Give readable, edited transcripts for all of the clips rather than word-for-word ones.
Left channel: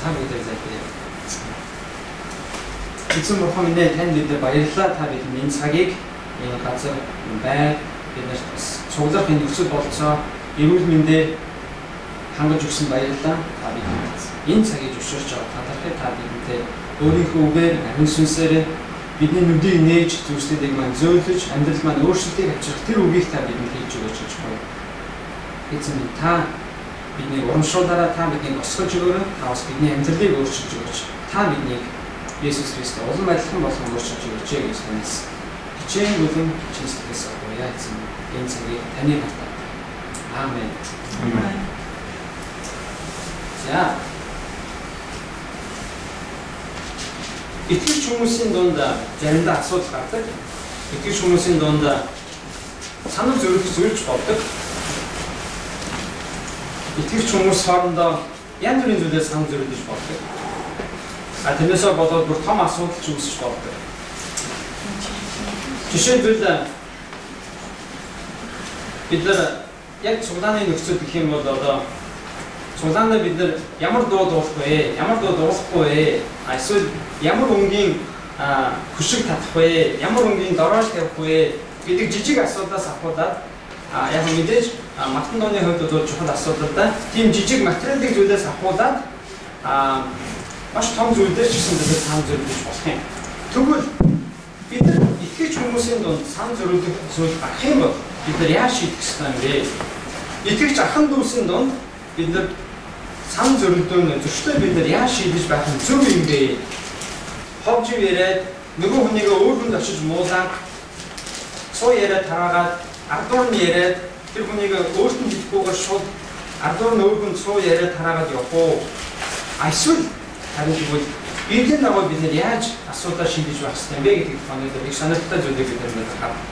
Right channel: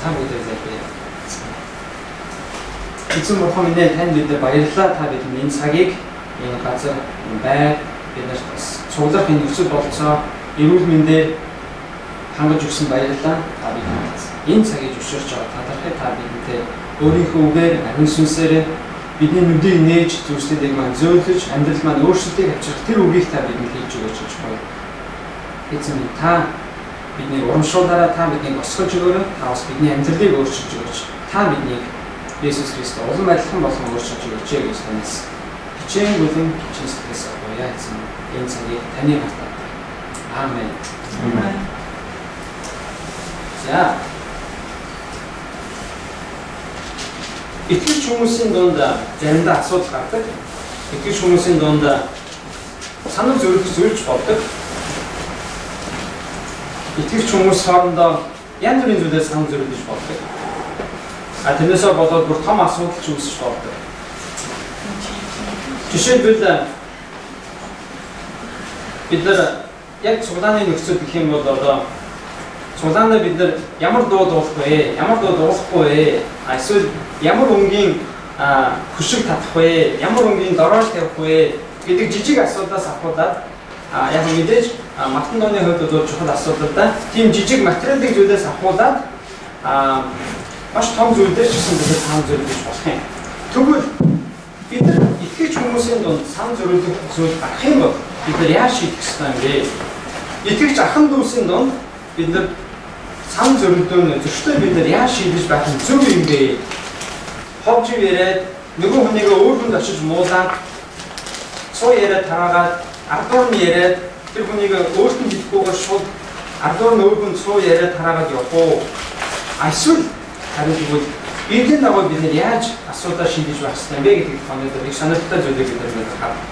За бүгдээ залбирая. Эзэн бурхан минь танд бид баярлалаа. Та бидний энэ цагийг энэ газар байр биднэрт бас цуглах энэ нөхцөл болцоо эрүүл мэндээр хангаж өгсөн баярлалаа. Та бидэнд энэ цагийг зөвшөөрч байгаа талархыг та бидэнтэй өөрийнхөө үгээр амин сүнсээр бидний нүдийг нээж зүйлсүүдийг маань зөөлөж амьдрал маань өөрчлөлтийг авчрах тэр үгийг та бидэнд хийж өгөөч гэж байна. Эзэн минь та бидний урамшуулаараа та биднийг босгож өгөөрэй. Та бас бидний амьдралыг өөрчилж өгөөч. Та биднийг Есүс Христос улам адилхан болгон өөрчилж өгөөч гэж танаас хичээн бүлэн чин сэтгэлээс авъя эзэн. Энэ цагийг таны хатаа. Аамен. Амен. За. Итгэж хүмүүсийн дунд заримдаа асуудал гардаг. Итгэж хүмүүсийн дунд санал зөрөх зүйлж болдог. Итгэж хүмүүс хоорондоо янз бүрийн зүйлээс санал зөрүүлж болдог. Тэрнээсээ болоод бүр том асуудал ч үүсэж болдог. Жишээлбэл бид нар яг цуглааны нөхцөл гэх юм бол одоо цуглаанаа бид нар ямар дуу дуулах вэ? Ямар дуу дуулахгүй вэ? Эсвэл ямар өнгийн хөшиг татах вэ? Ямар өнгийн дороош тавих вэ? гэдэг жижиг асуудлаас ахуулаад яг мэдээж мартан дооны хувьд бол чухал асуудал да. Тийм жижиг материалын зүйлээс ахуулаад маш том зүйлдер ч гэсэн бид санал зөрүүлж болох юм. Тэгвэл бид нар итгэж хүмүүсийн дунд санал зөрүүлэх зүйл гарах юм бол бид нар яаж шийдэх ёстой юм бэ? Итгэж ахын дүүсийн дунд бид нар санал зөрүүлдөө зөрчтэй бид нар яаж шийдэж байх нь зөв юм бэ? Ховж яриад нөгөө хүнийг өөр хүнд очиж муулаад цоо яриад таагаад ардуур нь яриад тэр хүнийг өөрт нь хэлэхгүйгээр шууд ардуур нь өөр хүн цоо яриад тараагаад явах уу? Эсвэл харин тэгвэл эдгээр дагуу бид нар яаж асуудал шийдэж байх ёстой юм бэ гэдгийг өнөөдөр их сонирхолтой зүйлийг бид нар харах.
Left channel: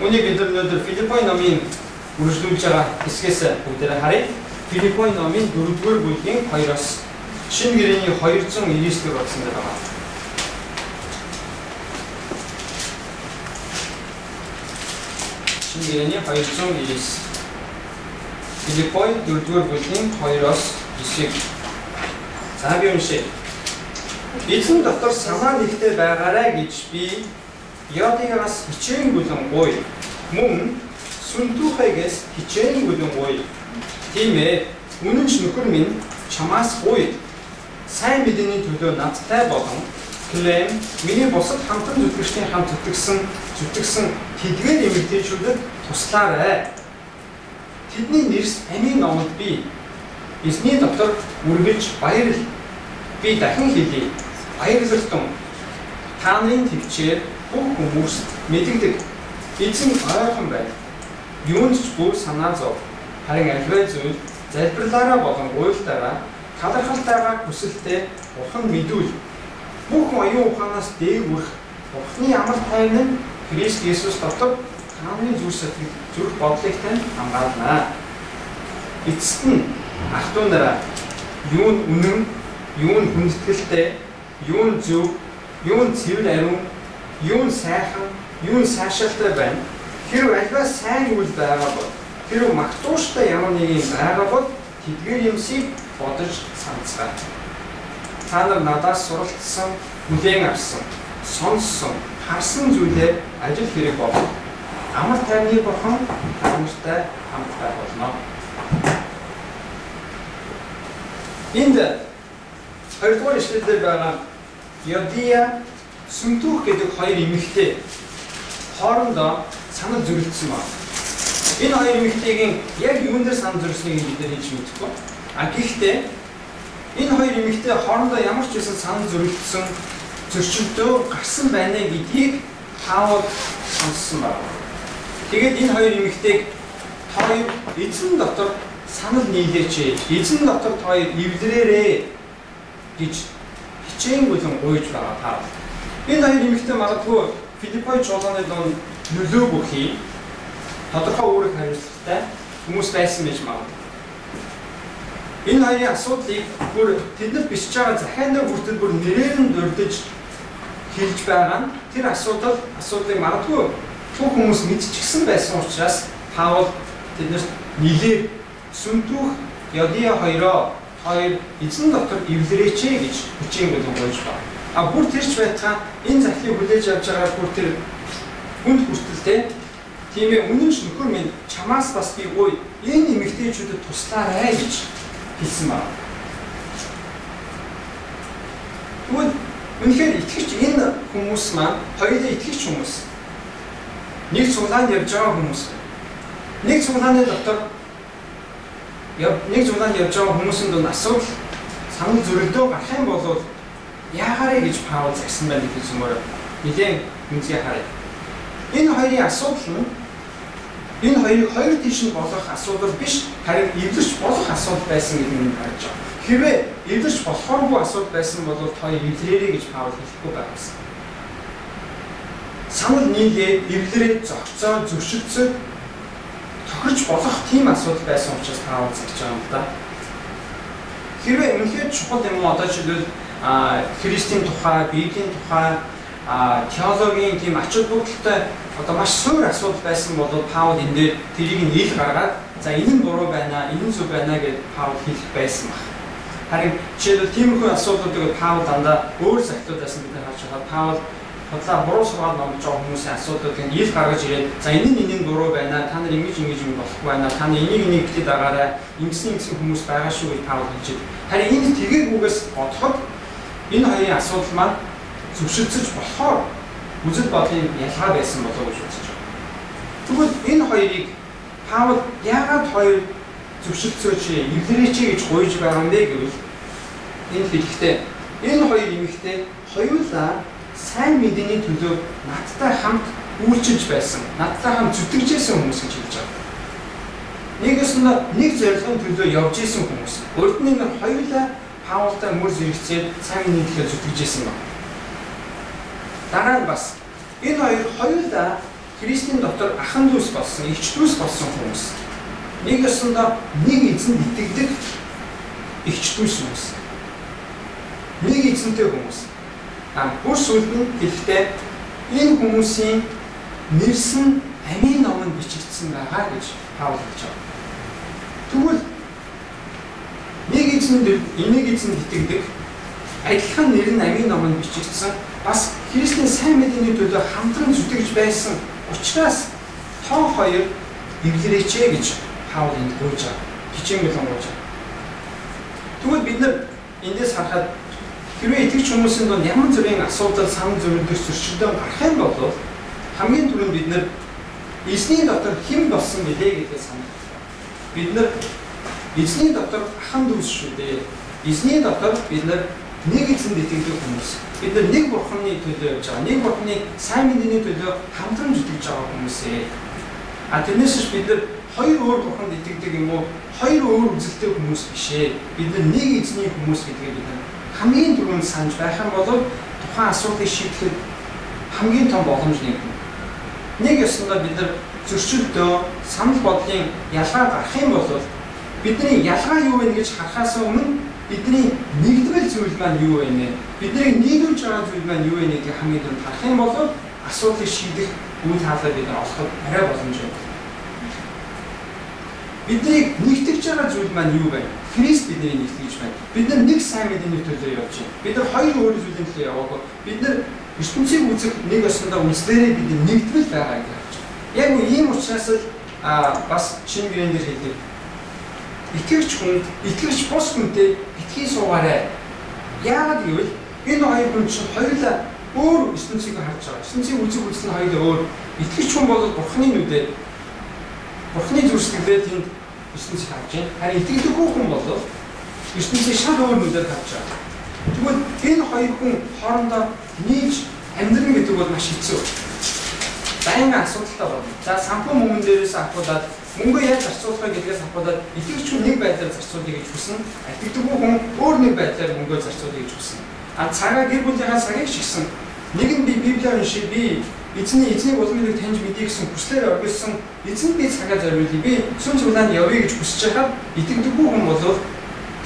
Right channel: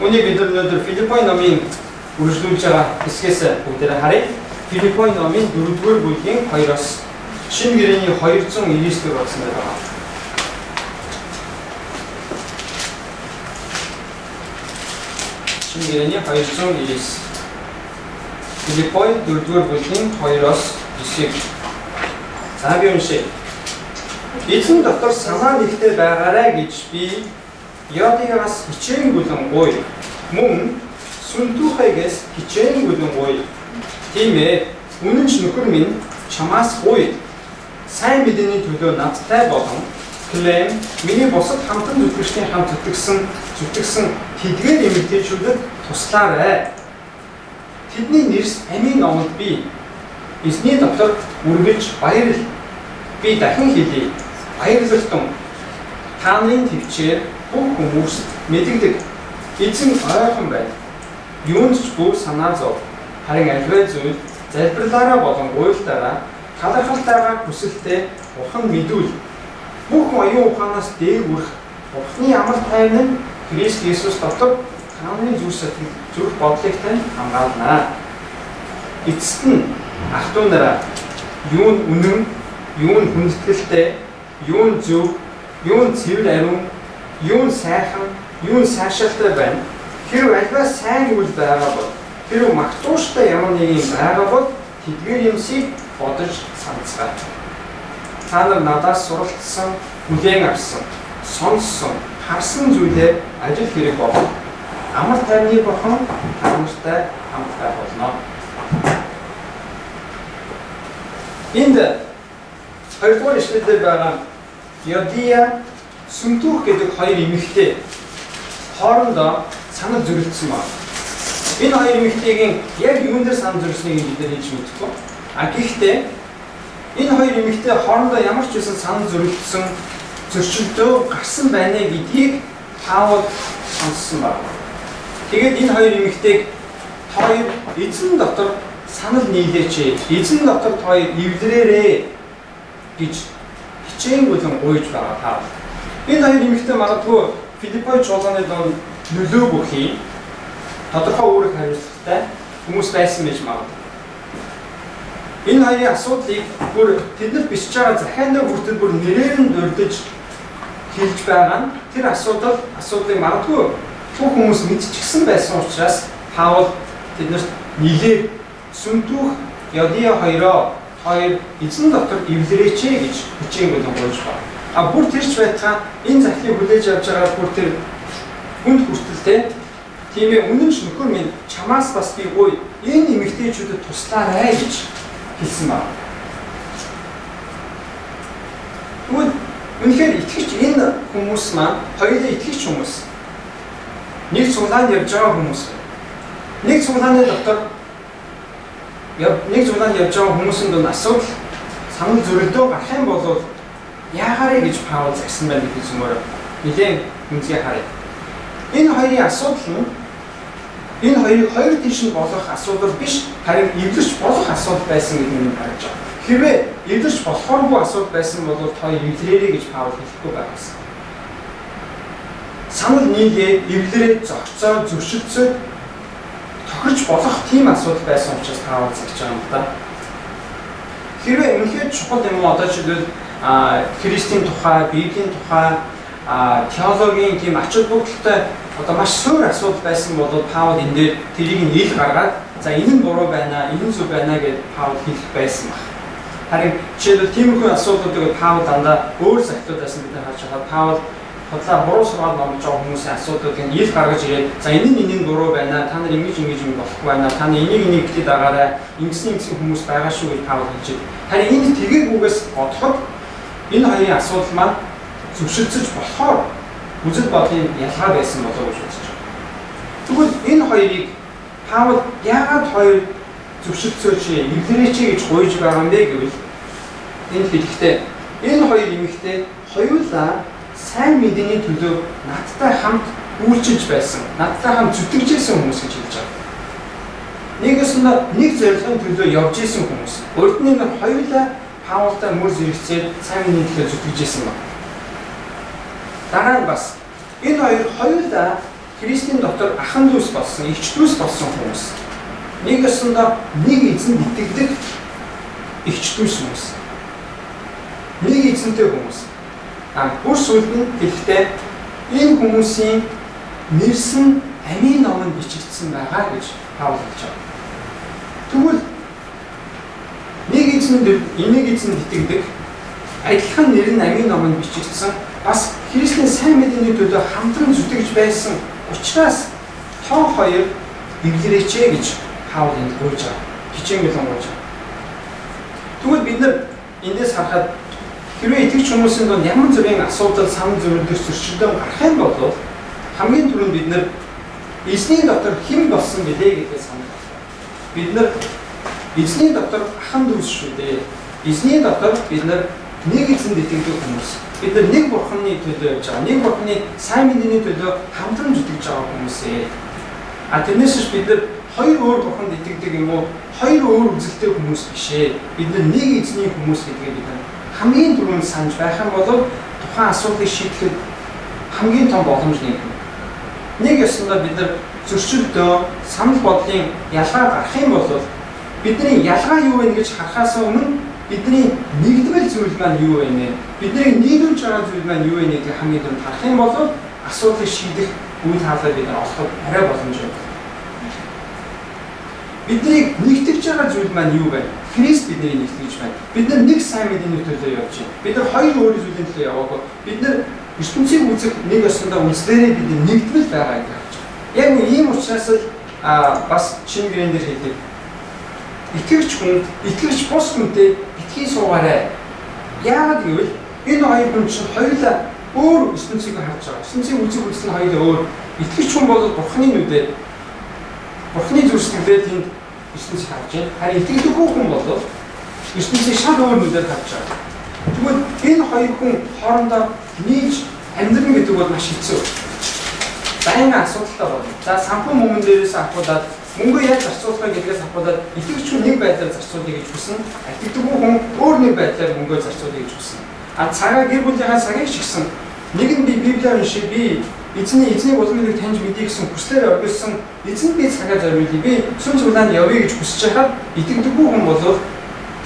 Үүнийг бид нар өнөөдөр Филиппой номын үргэлжлүүлж байгаа хэсгээс бүгдээрээ харъя. Филиппой номын 4-р бүлгийн 2-оос шинэ гэрээний 299-р болсон байгаа. Шинэ гэрээний 299. Филиппой 4-р бүлгийн 2-оос 9-ийг за би уншия. Эзэн дотор санаа нэгтэй байгаарай гэж би Йодигаас хичээн бүлэн гуй. Мөн Сүнтүхэгээс хичээн бүлэн гуй. Тийм ээ, үнэн ч нөхөр минь чамаас гуй. Сайн мэдээний төлөө надтай болон Клем миний бусад хамтан зүтгэгчдийн хамт зүтгэсэн тэдгээр эмэгтэйчүүдэд туслаарай. Тэдний нэрс амийн номонд би эзний дотор үргэлж баярл. Би дахин хэлье. Баярлалтан та нарын төвчээр бүх хүмүүст мэдэгдэг. Эзэн ойрхон байна. Юунд ч бүр санаа зов. Харин альваа зүйл залбирлаараа болон гуйлтаараа талархалтайгаар хүсэлтэд Бурхан мэдүүл. Бүх оюун ухаанаас дээгүүрх Бурханы амар тайван нь Христ Есүс дотор хааны зүрх бодлыг тань хамгаалнаа. Эцэст нь ах トゥ нараа юун үнэн, юун хүндэтгэлтэй, юун зөв, юун цэвэр ариун, юун сайхан, юун сайшаалтай байна. Хэрв альва сайн үйл байгаа бол хэрв магтууштай ямар нэг юм байгаа бол тэдгээр юмсыг бодож санацгаа. Та нар надаас суралцсан, хүлээн авсан, сонссон, харсан зүйлээр ажил хэрэг болно. Амар тайвны Бурхан хамттай хамт байх болно. Энд хоёрдугаар ишлэлээр байгаа Йодия, Сүнтүх гэдэг хоёр эмэгтэй хоорондоо санал зөрүүлсэн байна. Энэ хоёр эмэгтэйгийн яг юунд дээр санал зөрүүлснийг бид нар хэлж мэдэхгүй. Гэхдээ энэ хоёр эмэгтэй хоорондоо ямар ч байсан санал зөрүүлсэн зөрчилдөө гарсан байна гэдгийг Паул сонссон байна. Тэгээд энэ хоёр эмэгтэйг хоёр эзэн дотор санал нийлээч. Эзэн дотор хоёр эвлэрээрээ гэж хичээн бүлэн гуйж байгаа Паул. Энэ хоёр эмэгтэй магадгүй Филиппой чуулганы дунд нөлөө бүхий тодорхой үүрэг хариуцлагатай хүмүүс байсан байж магадгүй. Энэ хоёрын асуудлыг бүр тэднэр бичиж байгаа захиан дээр хүртэл бүр нэрээр нь дурдж хэлж байгаа нь тэр асуудлыг магадгүй бүх хүмүүс мэдчихсэн байсан учраас Паул тэднэрт нийлээ Сүнтүх Йодия хоёроо хоёр эзэн дотор эвлэрээч гэж хүчээр гойж байна. А бүр тэрч байтгаа энэ захлыг хүлээж авч байгаа бүр тэр хүнд хүртэлтэй. Тийм ээ үнэн ш нөхөр минь чамаас бас би ой энэ эмэгтэйчүүдэд туслаарай гэж хэлсэн байна. Тэгвэл үнэхээр итгэж энэ хүмүүс маань хоёулаа итгэж хүмүүс. Нэг цуглаанд явж байгаа хүмүүс. Нэг цуглааны дотор нэг цуглаанд явж байгаа хүмүүсийн дунд асуудал санал зөрөлдөө гарах юм бол яагарэ гэж Паул загсан байна гэж зүмээр нэлээд үнцгий харъя. Энэ хоёрын асуудал нь энэ хоёрыг хоёр тийш нь болох асуудал биш харин эвлэрч болох асуудал байсан гэдэг нь харж байгаа. Хэрвээ эвлэрч болохооргүй асуудал байсан бол та эвлэрээрэй гэж Паул хэлэхгүй байсан. Санал нийлээ эвлэрээ зогцоо зөрчилдсөд тохирч болох тийм асуудал байсан учраас Паул загж байгаа юм да. Хэрвээ үнэхээр чухал юм одоо жишээлбэл Христийн тухай, Библийн тухай, теологийн тийм ач холбогдолтой одоо маш суур асуудал байсан бол Паул энэ дээр тэрийг ил гаргаад за энэ нь буруу байна, энэ нь зөв байна гэж Паул хэлэх байсан баг. Харин жишээлбэл тиймэрхүү асуудлуудыг Паул дандаа өөр захидлуудаас бид харж байгаа. Паул хотлоо буруу сургаал номж байгаа хүмүүсийн асуудлуудыг ил гаргаж ирээд за энэ нь буруу байна, та нар ингэж юм болохгүй байна, та нар энийг гэдэгт дагаарай, ингэсэн хүмүүс байгаа шүү гэж Паул хэлж байна. Харин энэ тгийгүйгээс бодоход энэ хоёрын асуудал маань зөвшөлдөж болохоор үзэл бодлын ялгаа байсан болов уу гэж үзэж байна. Тэгвэл энэ хоёрыг Паул яагаад хоёр зөвшөлдсөөч эвлэрээч гэж гуйж байгаа юм бэ гэвэл энэ хэлэхдээ энэ хоёр эмэгтэй хоёулаа сайн мэдээний төлөө надтай хамт үйлчилж байсан, надтай хамт зүтгэжсэн хүмүүс гэж хэлж байгаа. Нэгэсэндээ нэг зорилгын төлөө явж исэн хүмүүс. Өөрөөр нь хоёулаа Паултай мөр зэрэгцээд сайн мэдээний төлөө зүтгэжсэн байна. Дараа нь бас энэ хоёулаа Христийн дотор ахан дүүс болсон, эгч дүүс болсон хүмүүс. Нэгэсэндээ нэг эзэнд итгэдэг эгч дүүс хүмүүс. Нэг эзэнтэй хүмүүс. Бүр сүүлд нь хэлэхдээ энэ хүмүүсийн нэрсэн амийн номонд бичигдсэн байгаа гэж Паул хэлж байгаа. Тэгвэл нэг эзэнд итгэдэг адилхан нэр нь амийн номонд бичигдсэн бас Христийн сайн мэдээний төлөө хамтран зүтгэж байсан учраас тоо хоёр эвлэрээч гэж Паул энд гуйж байгаа. Хичээнгүй гуйж байгаа. Тэгвэл бид нар эндээс харахад хэрвээ итгэж хүмүүсийн донд ямар зүрийн асуудал санал зөрөлдөх зөрчилдөөн гарах юм бол хамгийн түрүүнд бид нар эзний дотор хэн болсон гэлээ гэдгийг санах хэрэгтэй. Бид нар эзний дотор ахан дүүс шүү дээ. Эзний дотор бид нар нэг эзэнд итгэдэг хүмүүс. Бид нар нэг бурханы төлөө явж байгаа. Нэг бурханы сайн мэдээний төлөө хамтран зүтгэж байгаа хүмүүс ээ. Тэрнээс бид нар хоёр өөр бурханд итгэдэг юм уу? Хоёр өөр үзэлтэй хүмүүс биш ээ. Бид нар нэг эзний хүмүүс гэдгийг бид хамгийн түрүүнд санаж байх юм бол тухайн асуудлыг шийдэхэд хамгийн том боломж нэг. Нэг ёсондоо бид нар зөрчилдөө санал бодлын ялгаа гарах юм бол бидний ялгаа юу вэ гэж харахаас өмнө бидний нэгдвэл зүйл маань юу вэ нэ? Бидний нийлүүлж байгаа зүйл маань юу вэ гэдгийг хамгийн түрүүнд харах юм бол асуудлыг шийдэх үйл хаалгаа бид нар олоход арай боломжтой. Бидний нэгтгэж байгаа зүйл маань юу вэ? Христ бидний нэгтгэж байна. Бид нар нэг сайн мэдээний төлөө явж байна. Бид нар хоёр өөр зүйлийн төлөө яваагүй. Бид нар ертөнцийг үзэх нэг ёсондоо үнслээрээ бид нэгдвэл байгаа гэж харж байна. Яг ийм учраас л бас шинэ гэрэн дээр хэлдэг. Итгэгч хүн, итгэгч бус хүнтэй битгий суугаарай. Яагаад гэвэл энэ хоёр хүн чинь хоёулаа өөр ертөнцийг харж байгаа. Ертөнцийн үзэг үзэл нь хоёулаа өөр. Итгэгч хүн бол Бурхны нүдээр Бурхны зүрхсэглэлээр тэнд ертөнцийг харж байна. Харин итгэдэггүй хүн бол ертөнцийг шал өөр нүдээр харж байгаа. Тэгвэл энэ хоёр хүн хоорондоо нийлж амьдрын гэдэг бол маш хэцүү. Байнга асуудалтай болно. За санхүү мөнгөн дээрээс авахудаад мөнгөө яаж зарцуулах гэдгээс авахудаад итгэгч хүн нэг байдлаар зарцуулъя гэж хүснэ. Итгэдэггүй хүн өөр нэг байдлаар мөнгөө зарцуулъя гэж хүснэ. Цагаа гэр бүлийнхаа цагийг шигсэн. Нэг нь би Библиар уншиж би эзний улмыг таньж мэдээ гэсэн хүслээр оргилсон эзэнд би цагаа зориулъя. Би сүм цуглаанд явъя гэж хүсэж байхад итгэдэггүй хүн бол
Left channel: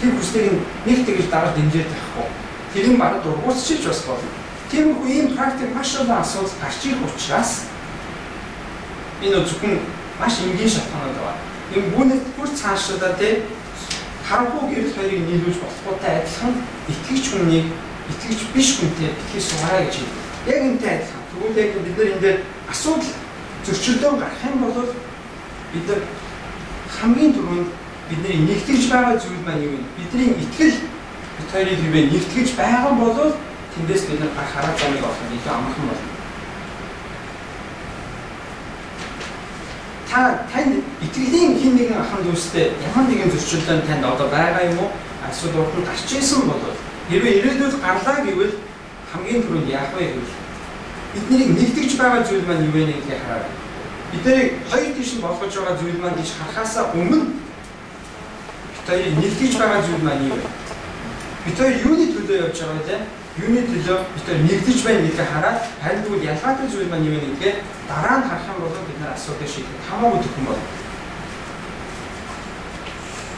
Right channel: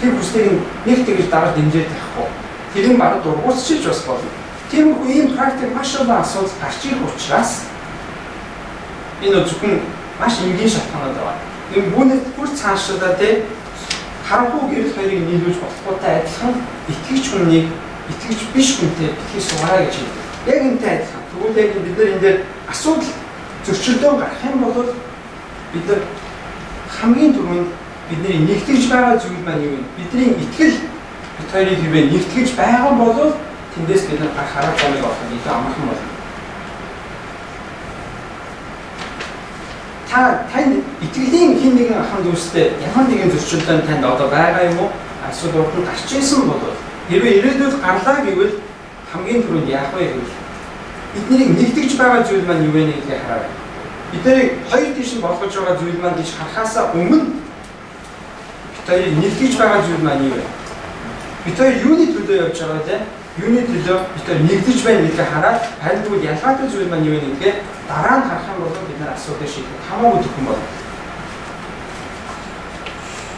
тэр хүслийг нэг тэгж дараа дэмжиж байхгүй. Тэр нь бараг дургуутчилж бас болно. Тиймэрхүү ийм практик маш олон асуудал гарч ирэх учраас энэ зөвхөн маш энгийн шалтгаанууд байна. Энэ бүнэт бүр цаашдаа харанхуй гэрэл хоёрыг нийлүүлж болохгүйтэй адилхан итгэгч хүнийг итгэгч биш хүнтэй битгий суугаарай гэж хэлдэг. Яг энэтэй адилхан. Тэгвэл яг бид нар энэ дээр асуудал зөрчилдөөн гарах юм бол бид нар хамгийн түрүүнд бидний нэгтгэж байгаа зүйл маань юу вэ? Бидний итгэл бид хоёрыг хэвээ нэгтгэж байгаа бол тэндээс бид нар гарах арга замыг олох нь илүү амархан болно. Тань итгэлийн хин нэгэн ахын дүүстэй ямар нэгэн зөрчилдөөн танд одоо байгаа юм уу? Асуудал урд нь гарч ирсэн бол хэрвээ ирээдүйд гарлаа гэвэл хамгийн түрүүнд яах вэ гэвэл бидний нэгтгэж байгаа зүйл маань юу вэ гэдгийг хараарай. Бидний хоёр тийш нь болгож байгаа зүйл маань гэж харахаасаа өмнө бид хоёрыг нэгтгэж байгаа зүйл маань юу вэ? Бид хоёр юуны төлөө явж байгаа вэ? Юуны төлөө бид хоёр нэгдэж байна гэдгийг хараад харин тэгвэл ялгаатай зүйл маань юу вэ гэдгээ дараа нь харах юм бол бид нар асуудыг шийдэх хамаагүй төхөн болно.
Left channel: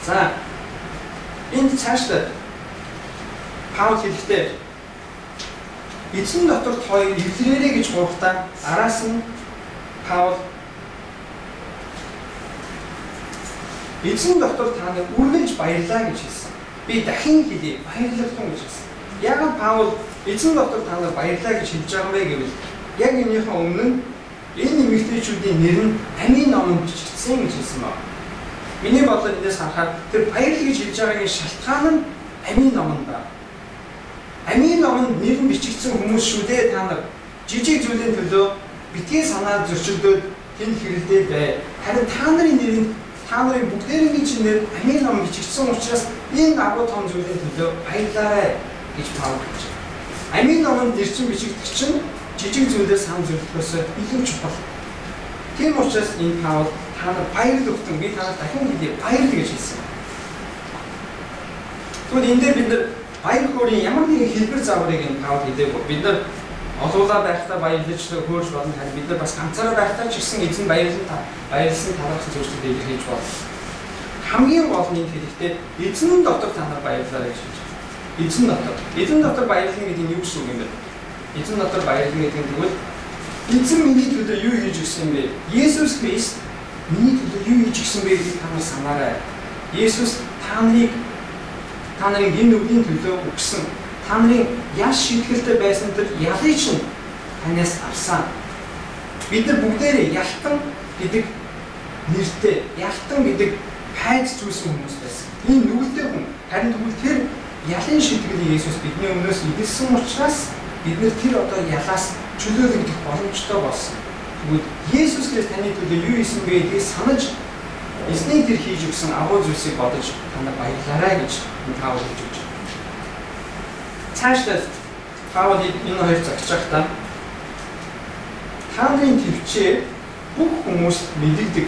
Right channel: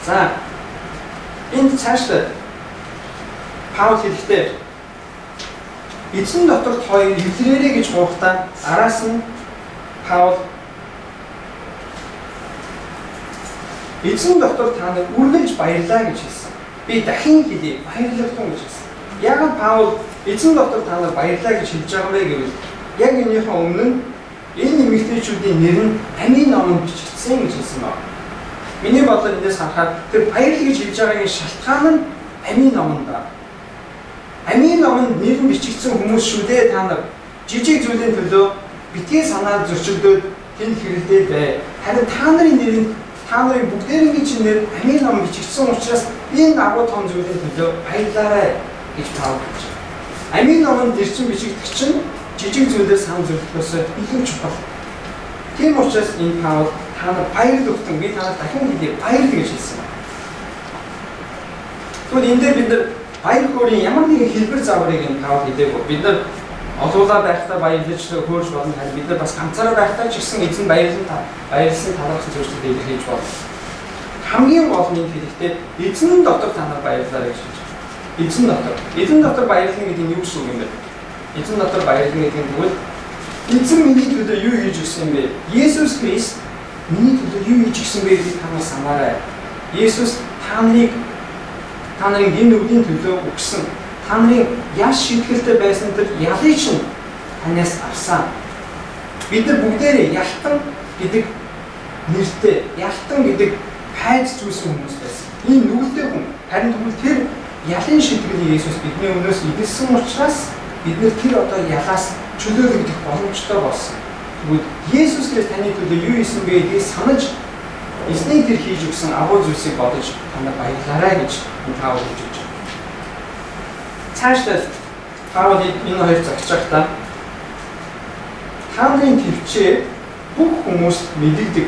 За энд цаашдаа Паул хэлэхдээ эзэн дотор хоёр эвлэрээрээ гэж гуйхдаа араас нь Паул эзэн дотор та нар үргэлж баярлаа гэж хэлсэн. Би дахин хэлье баярлагдсан гэж хэлсэн. Яг Паул эзэн дотор та нар баярлаа гэж хэлж байгаа юм гэвэл яг энийхээ өмнө энэ эмэгтэйчүүдийн нэр нь амийн номонд бичигдсэн гэж хэлсэн байна. Миний бодлоор эндээс харахад тэр баярлал гэж хэлж байгаагийн шалтгаан нь амийн номонд байна. Амийн номонд нэр нь бичигдсэн хүмүүс шүү дээ та нар жижиг зүйлийн төлөө битгий санаа зөрчилдөөд тэнд хэрэлдээ бай. Харин та нарын нэр нь та нарын бүгдээрийн чинь нэр амийн номонд бичигдсэн учраас энэ агуу том зүйлийн төлөө баярлаарай гэж Паул хэлж байна. Амийн номонд нэр чинь бичигдэх чинь жижиг зүйлээс санаа зөрчлөхөөс илүү чухал. Тийм учраас энэ Паул та нар баяр өгтөн би та нарт дахин хэлье баярлал гэж хэлсэн байна. Тэгвэл энэ дээр бид нар баяр хөөрийн ямар нэгэн хэлбэр загварыг энэ Паул хэлээгүй. Бид нар олуулаа байхдаа баярлаж хөөрж болно. Харин бид нар бас ганцаараа байхдаа ч гэсэн эзэн баярлсан талархсан зүйлсүүдийг илэрхийлж болно. Хамгийн гол нь хэлэхдээ эзэн дотор та нар баярлаарай гэж хэлж байна. Эзэн дотор баярлах гэдэг нь юу гэсэн үг юм бэ? Эзэн дотор баярлах гэдэг нь тэгвэл эзэн миний төлөө юу хийж өгсөн бэ? Есүс Христ миний төлөө юу хийж өгсөн бэ гэдгийг та нар санаарай. Есүс та нарын гин нүглийн төлөө өгсөн. Та нарын яш шийтгэлтэй байсан тэр ялыг чинь танаас авсан. Бид нар бүгдээрээ ялтан гэдэг нэртэй, ялтан гэдэг хайж зүйлсэн хүмүүс байсан. Энэ нүгэлтэй хүн. Харин тэгвэл тэр ялын шийтгэлийг Есүс бидний өмнөөс эдэлсэн учраас бид нэр тэр одоо ялаас чөлөөлөгдөх боломжтой болсон. Тэгвэл Есүс Христ таны төлөө юу хийсэн бэ гэдгийг санаж эзний тэр хийж өгсөн агуу зүйлсийг бодож та нар баярлаарай гэж Паул хэлж өгч байна. Цаашдаа Паул энэ хоёр зогсож байхдаа та нарын төвчээ бүх хүмүүст мэдэгдэг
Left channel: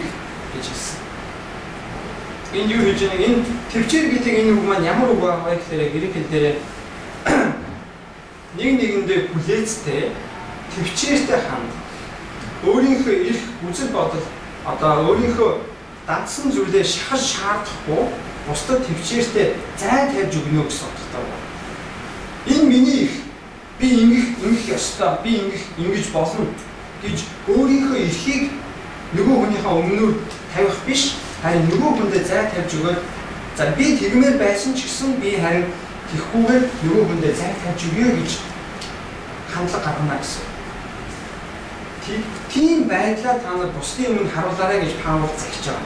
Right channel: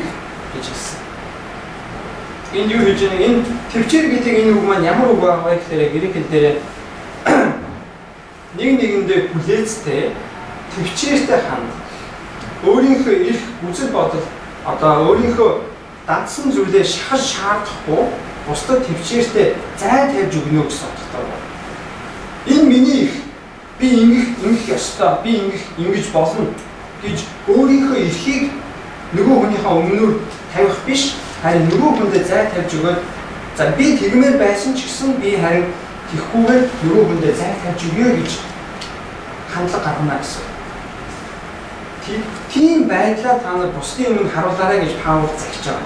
гэж хэлсэн. Энэ юу хийж байгаа энэ төвчээр гэдэг энэ үг маань ямар үг байгаа вэ гэхээр грек хэл дээр нэг нэгэндээ хүлээцтэй төвчээртэй ханд өөрийнхөө эрх үзэл бодол одоо өөрийнхөө дадсан зүйлээ шахаж шаардахгүй бусдад төвчээртэй зай тавьж өгнө гэсэн утгатай байна. Энэ миний эрх би ингэх ёстой би ингэж болно гэж өөрийнхөө эрхийг нөгөө хүнийхээ өмнөр тавих биш харин нөгөө хүндээ зай тавьж өгөөд за би тэгмээр байсан ч гэсэн би харин тэгхгүйгээр нөгөө хүндээ зай тавьж өгье гэж хандлага гаргана гэсэн. Тийм байдлаа та нар бусдын өмнө харуулаарай гэж Паул загч байгаа.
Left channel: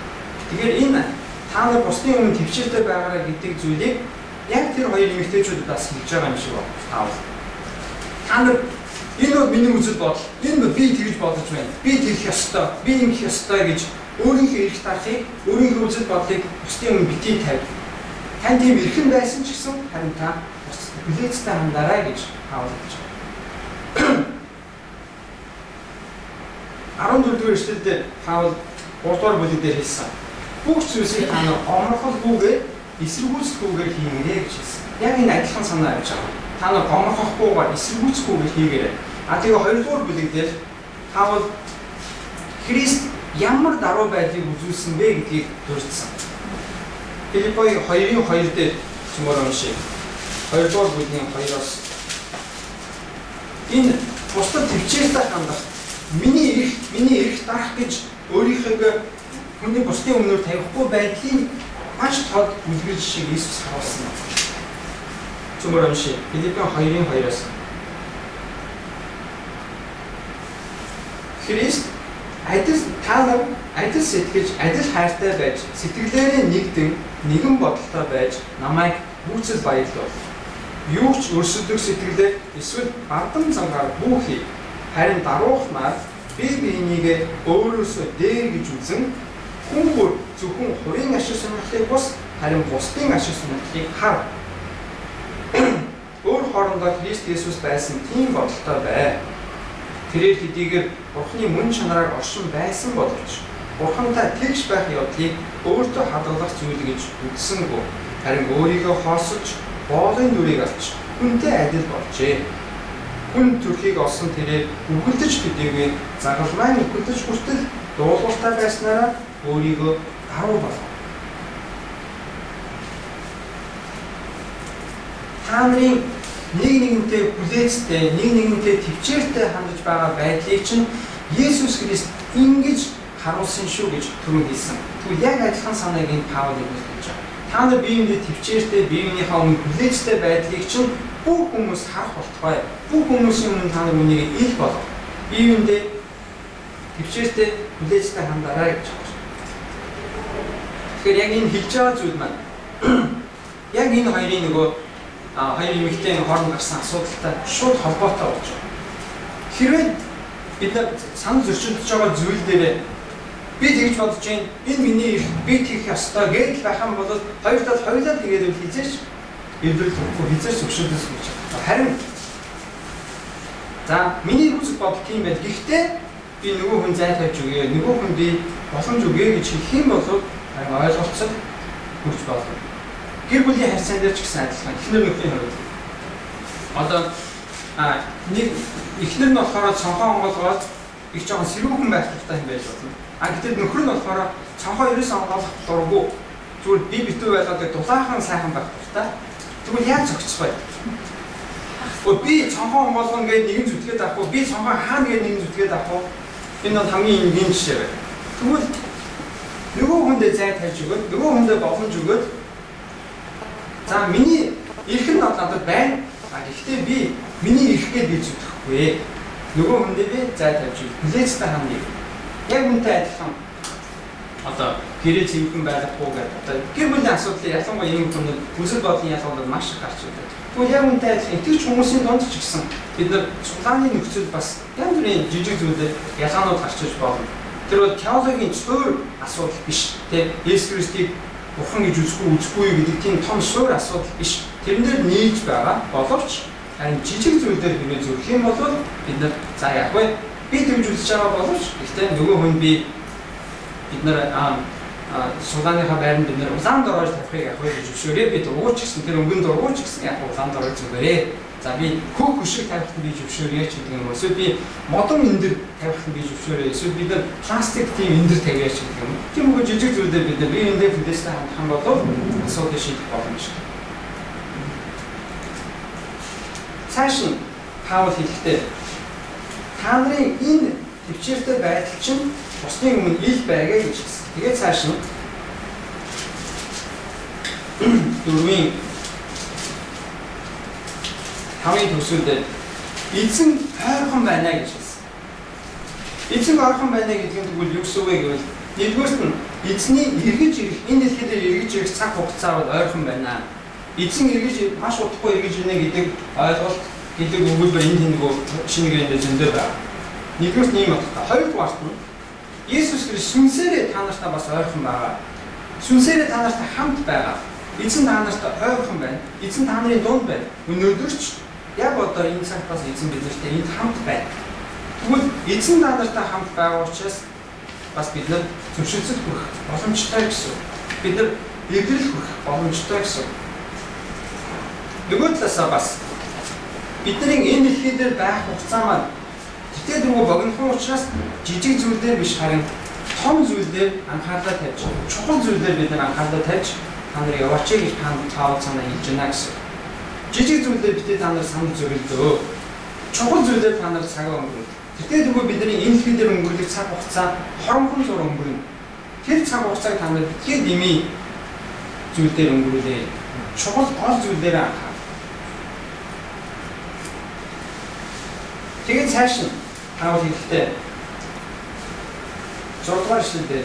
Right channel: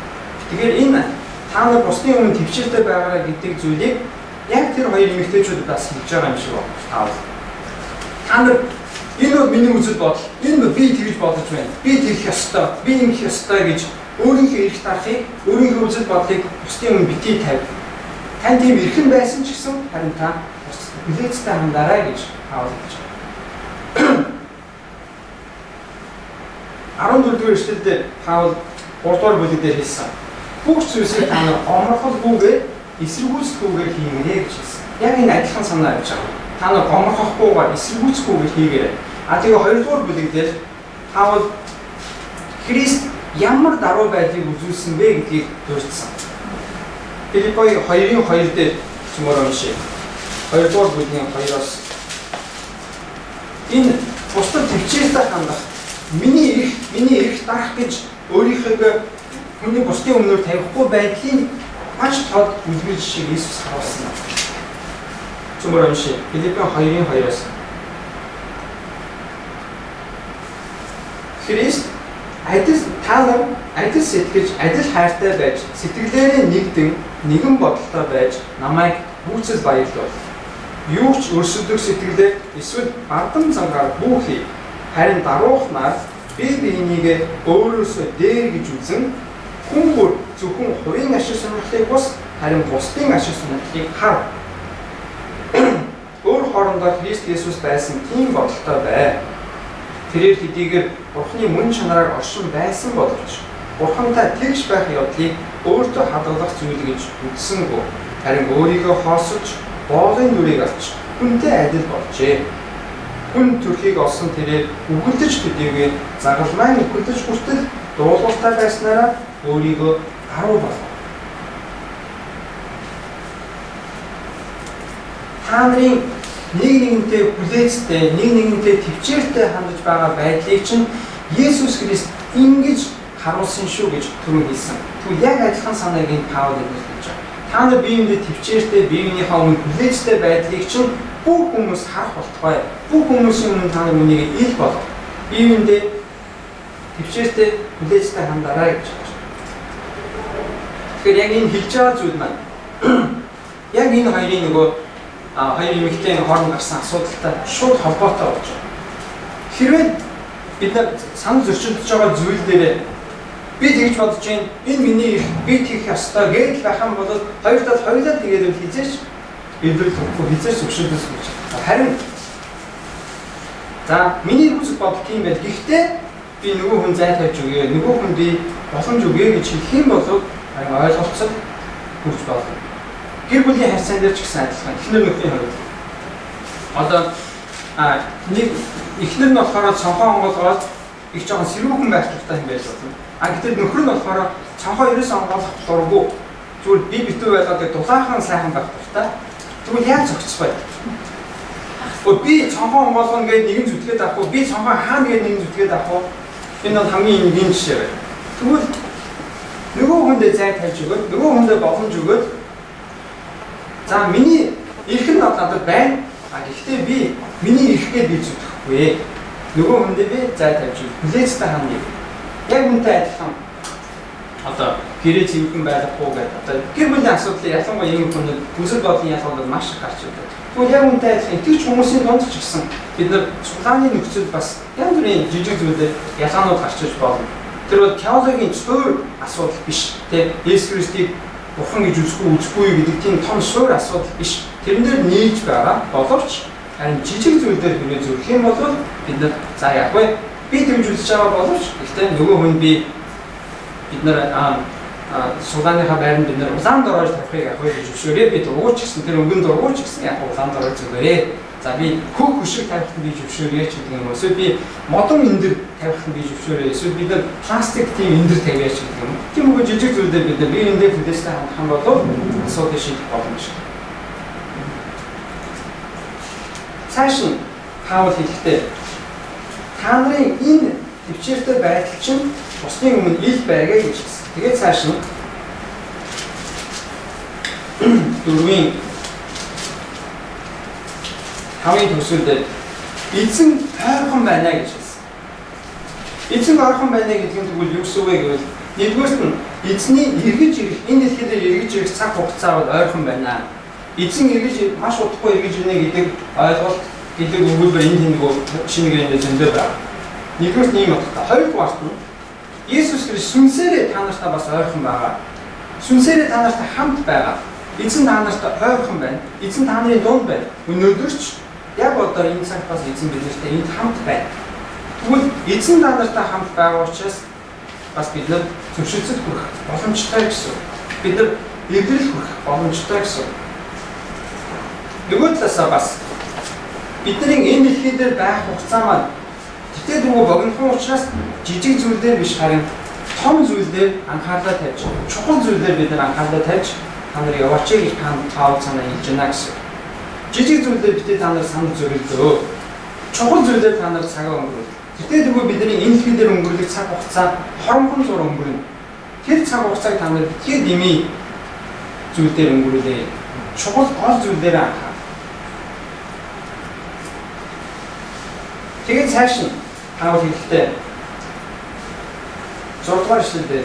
Тэгэхээр энэ та нар бусдын өмнө төвчээртэй байгаарай гэдэг зүйлийг яг тэр хоёр эмэгтэйчүүд бас хэлж байгаа юм шиг байна. Паул. Та нар энэ бол миний үзэл бодол. Энэ би тэгж бодож байна. Би тэгэх ёстой. Би ингэх ёстой гэж өөрийнхөө эрх дарахыг, өөрийнхөө үзэл бодлыг бусдын өмнө битгий тавь. Тань тийм эрхэн байсан ч гэсэн харин та бусдад хүлээцтэй хандаарай гэж Паул хэлж байгаа. 14-р эшлэлдээ Паул 3-р бүлэг дээр хэлсэн. Бүх зүйлсийг та нар гомрохолгүйгээр эсэргүүцэхгүйгээр хийгээрэй гэж хэлсэн. Яг энэ адилхан санаа авч байгаа. Та нар гомрохохгүйгээр эсэргүүцэхгүйгээр хийгээрэй. Тэгээ 2-р бүлэг дээр Паул Христ ямар даруй байдлыг үзүүлсэн бэ гэдгийг дурдсан. Филиппогийн 2:2 дээр цөмөр уншия. 2-р бүлгийн 2-оос энэ бусдад төвчээртэй хандах миний эрх дарах гэж өөрийнхөө хүний бусдын өмнөр тавихгүй байдлын маш тод үлгэр жишээг Иесус харуулсан. Цөмөр уншия. Филиппийн 2:2-оос. Христ та нар адил сэтгэж, адил хайртай байж, сэтгэлээрээ нэгдэн, нэгэн бодолтой байж намайг бүхцэл баярлуул. Юу ч өрсөлдөх сэтгэлээр эсвэл бардам зангаар бүхий харин даруухнаар бие биенийгээ өөрөөсөө дээр гэж үзэн хүн бүр зөвхөн хувийн ашиг сонирхлыг бус харин бусдын ашиг сонирхлыг хар. Өөр хоорондоо Христ Есүс байсан тийм бодолтой бай. Тэрээр хэдийгээр Бурхны мөн чанараар оршин байсан боловч Бурхантай тэгш байх явдлыг өөртөө хадгалах зүйл гэж үзсэнгүй. Харин өөрийгөө хоосож, боолын нүрийг авч хүнтэй адил болжээ. Хүн төрхийг олсон тэрээр үгэлдэж төдийгүй загалмайн үгэлдэж хүртэл дуулууртай байснараа өөрийгөө гаруй болгов. Та нарын нэг нэгнтэй хүлээцтэй, нэг нэгнтэй төвчээртэй хандаж байгаа байдлыг чинь Есүс Христ ингэж харуулсан шүү гэж түрүү хэлсэн. Тэгвэл яг адилхан санааг энэ Паул илэрхийлж байгаа. Та нар биеиндээ төвчээртэй, биеийнхээ өмнө хүлээцтэй байдлыг чинь бүх хүмүүс харах болтугай. Бүх хүмүүсийн өмнө та нар үнийг ил болгоо. Биеиндээ төвчээртэй, хүлээцтэй хандаарай гэж байна. Тэгэхээр яг энэ хэлж байгаа зүйл маань яг энэ хоёрын нөгөө хоёр эмэгтэй хооронд гарсан асуудалтай шууд холбоотой болж байна. Хэрвээ бид санал зөрчилдөж байгаа зүйл дээр би тэгж бодож байна, энэ миний их би тэгэх ёстой гэж байх юм бол хоёртаа хоёулаа тэгээд хизээш эвдэрэл төгөхгүй хизээш зөвшөөрдөөс гэж. Харин за миний үзэл бодол тийм байл. Гэхдээ би нөгөө хүн зай тавьж өгье, нөгөө хүн би боломж өгье гэж хэлэх юм бол харин ойлголцол хүрч болно. Гэр бүлийн харьцаан дээр ч гэсэн адилхан. Эхнэр нөхрийн хувьд. Одоо нэг эхнэр нь болохоор цонхоо онгоолгоод их жоохон сэрүүхэн байх хэрэгтэй юм байж болно. Гэтэл нөхөр нь болохоор цонхоо ерөөсөө онгоолгох дурггүй. Зүгээр би битүү байлгаад дулаахан сайхан байх хэрэгтэй. Тэгвэл яаж зохицох вэ? Би цонхоо онгоолгоно гэж нэгэн зүтгээд авах уу? Би цонхоо хаана гэж нэгэн зүтгээд авах уу? Энэ бол хамгийн энгийн жишээ байна. Тэгвэл нөгөө хүндээ зай тавьж өгөөд, нөгөө хүндээ боломж өгөөд за миний эрх нь надад байна. Гэхдээ би миний эрхгээд би зүтгэхгүй. Нөгөө хүндээ би зай тавьж хүлээцтэй хандъя. Яг үнтэй адилхан. Одоо гэрээ цэвэрхэн байхгүй гэдэг. Одоо гэр бүлийн асуудлыг ялангуяа ийм хүмүүс хүсэл бодлын ялгаанд маш их гарч ирдэг. Тэгвэл яг үнтэй адилхан итгэж хүмүүсийн донд ч гэсэн бид нар цуглааны нөхцөл бас янз бүрийн жижиг зүйлээр ялгаанууд гарч иж болно. Тэр бол теологийн цөөр асуудал биш. Тэ Есүс Христийг Бурхан гэж үзэхгүй гэдэг тийм том суур асуудал биш. Тэрэн дээр нийлж байгаа боловч харин жижиг зүйлээр хэрэг зүрх юм бол бид нар за яг вэ би тэмж үзэж байгаа боловч гэхдээ нөгөө хүн бид нар сулааныхаа байранд бид нар улаан дорож тавихыг яг вэ гэж зөвшөөрөө. Би дургуйч гэсэн тэр өнгөн дургуйч гэсэн яг улаан дорож зүгээрээ. За би хөөх хөшиг тавихад би зөвшөөрөө ч гэдэг юм уу. Эсвэл би модон эндэр тавихад би зөвшөөрөө. Эсвэл бид нар пластик тийм эндэр тавиач гэдэг юм. Тийм үгүй жижиг зүйлээр бид нар биеиндээ хүлээстэй хандах юм бол асуудал шийдэх боломжтой. Цааш нь Паул хэлэхдээ та нарын энэ төвчээртэй байдал чинь бусны өмнө ил байгээ гэж хэлсэн. Тэгээд цааш нь 4-ийн 5-ын төгсгөлд эзэн ойрхон байна гэж хэлсэн. Эзэн ойрхон байна гэдэг нь тэгвэл юу гэсэн үг вэ гэвэл нэгдүгээрт нь эзний эргэж ирэх энэ дэлхий дээр эргэж ирэх цаг хугацаа бол ойрхон байна. Эзэн эргэж маш удахгүй эргэж ирнэ гэдэг ойлголт гэдэг өгүүлбэр энэ нэг шинэ гэрээнд зөндөө байна. Нэгдүгээрт ийм утгатай. Хоёрдугаарт нь Есүс Христ сүнсээрээ та нартай бас ойрхон байгаа. Сүнсээрээ та нартай хамт байгаа. Эзэн та нартай ойрхон байна. Эзэн та нарын дунд байна. Өнөөдөрч яг одоо энэ цагт бас эзэн биднэртэй энд хамт байна. Тэгвэл эзэн та нартай хамт байгаа учраас бас бид нар зөвшөөрлөд хүрэх боломжтой гэсэн. Бид нар эвдрэл хүрэх боломжтой гэсэн. Нөгөө талаасаа бас бидний энэ дэлхий дээр байх хугацаа маань тэтгэл рүү богинохон учраас жижиг зүйлээр биш харин том зүйлээр анхаарлаа тавьж, чухал зүйлээр бид нар анхаарлаа тавьж та нар яваач гэж Паул санаа хэлж байна гэсэн. Жижиг зүйлээр бид та нар санал зөрөлдөө. Чухал зүйлээр та нар цагаа өнгөрөв. Тэтгэл рүү бидний энэ дэлхий дээр өнгөрөх цаг хугацаа хоромхон зур өнгөрнө. Тэр цаг хугацааг та нар битгий дэмий зүйл дээр өнгөрүүлээ. Чухал гол зүйл дээр анхаа. Тэгээд цааш нь Паул хэлэхдээ 6 дугаар эшлэлдээ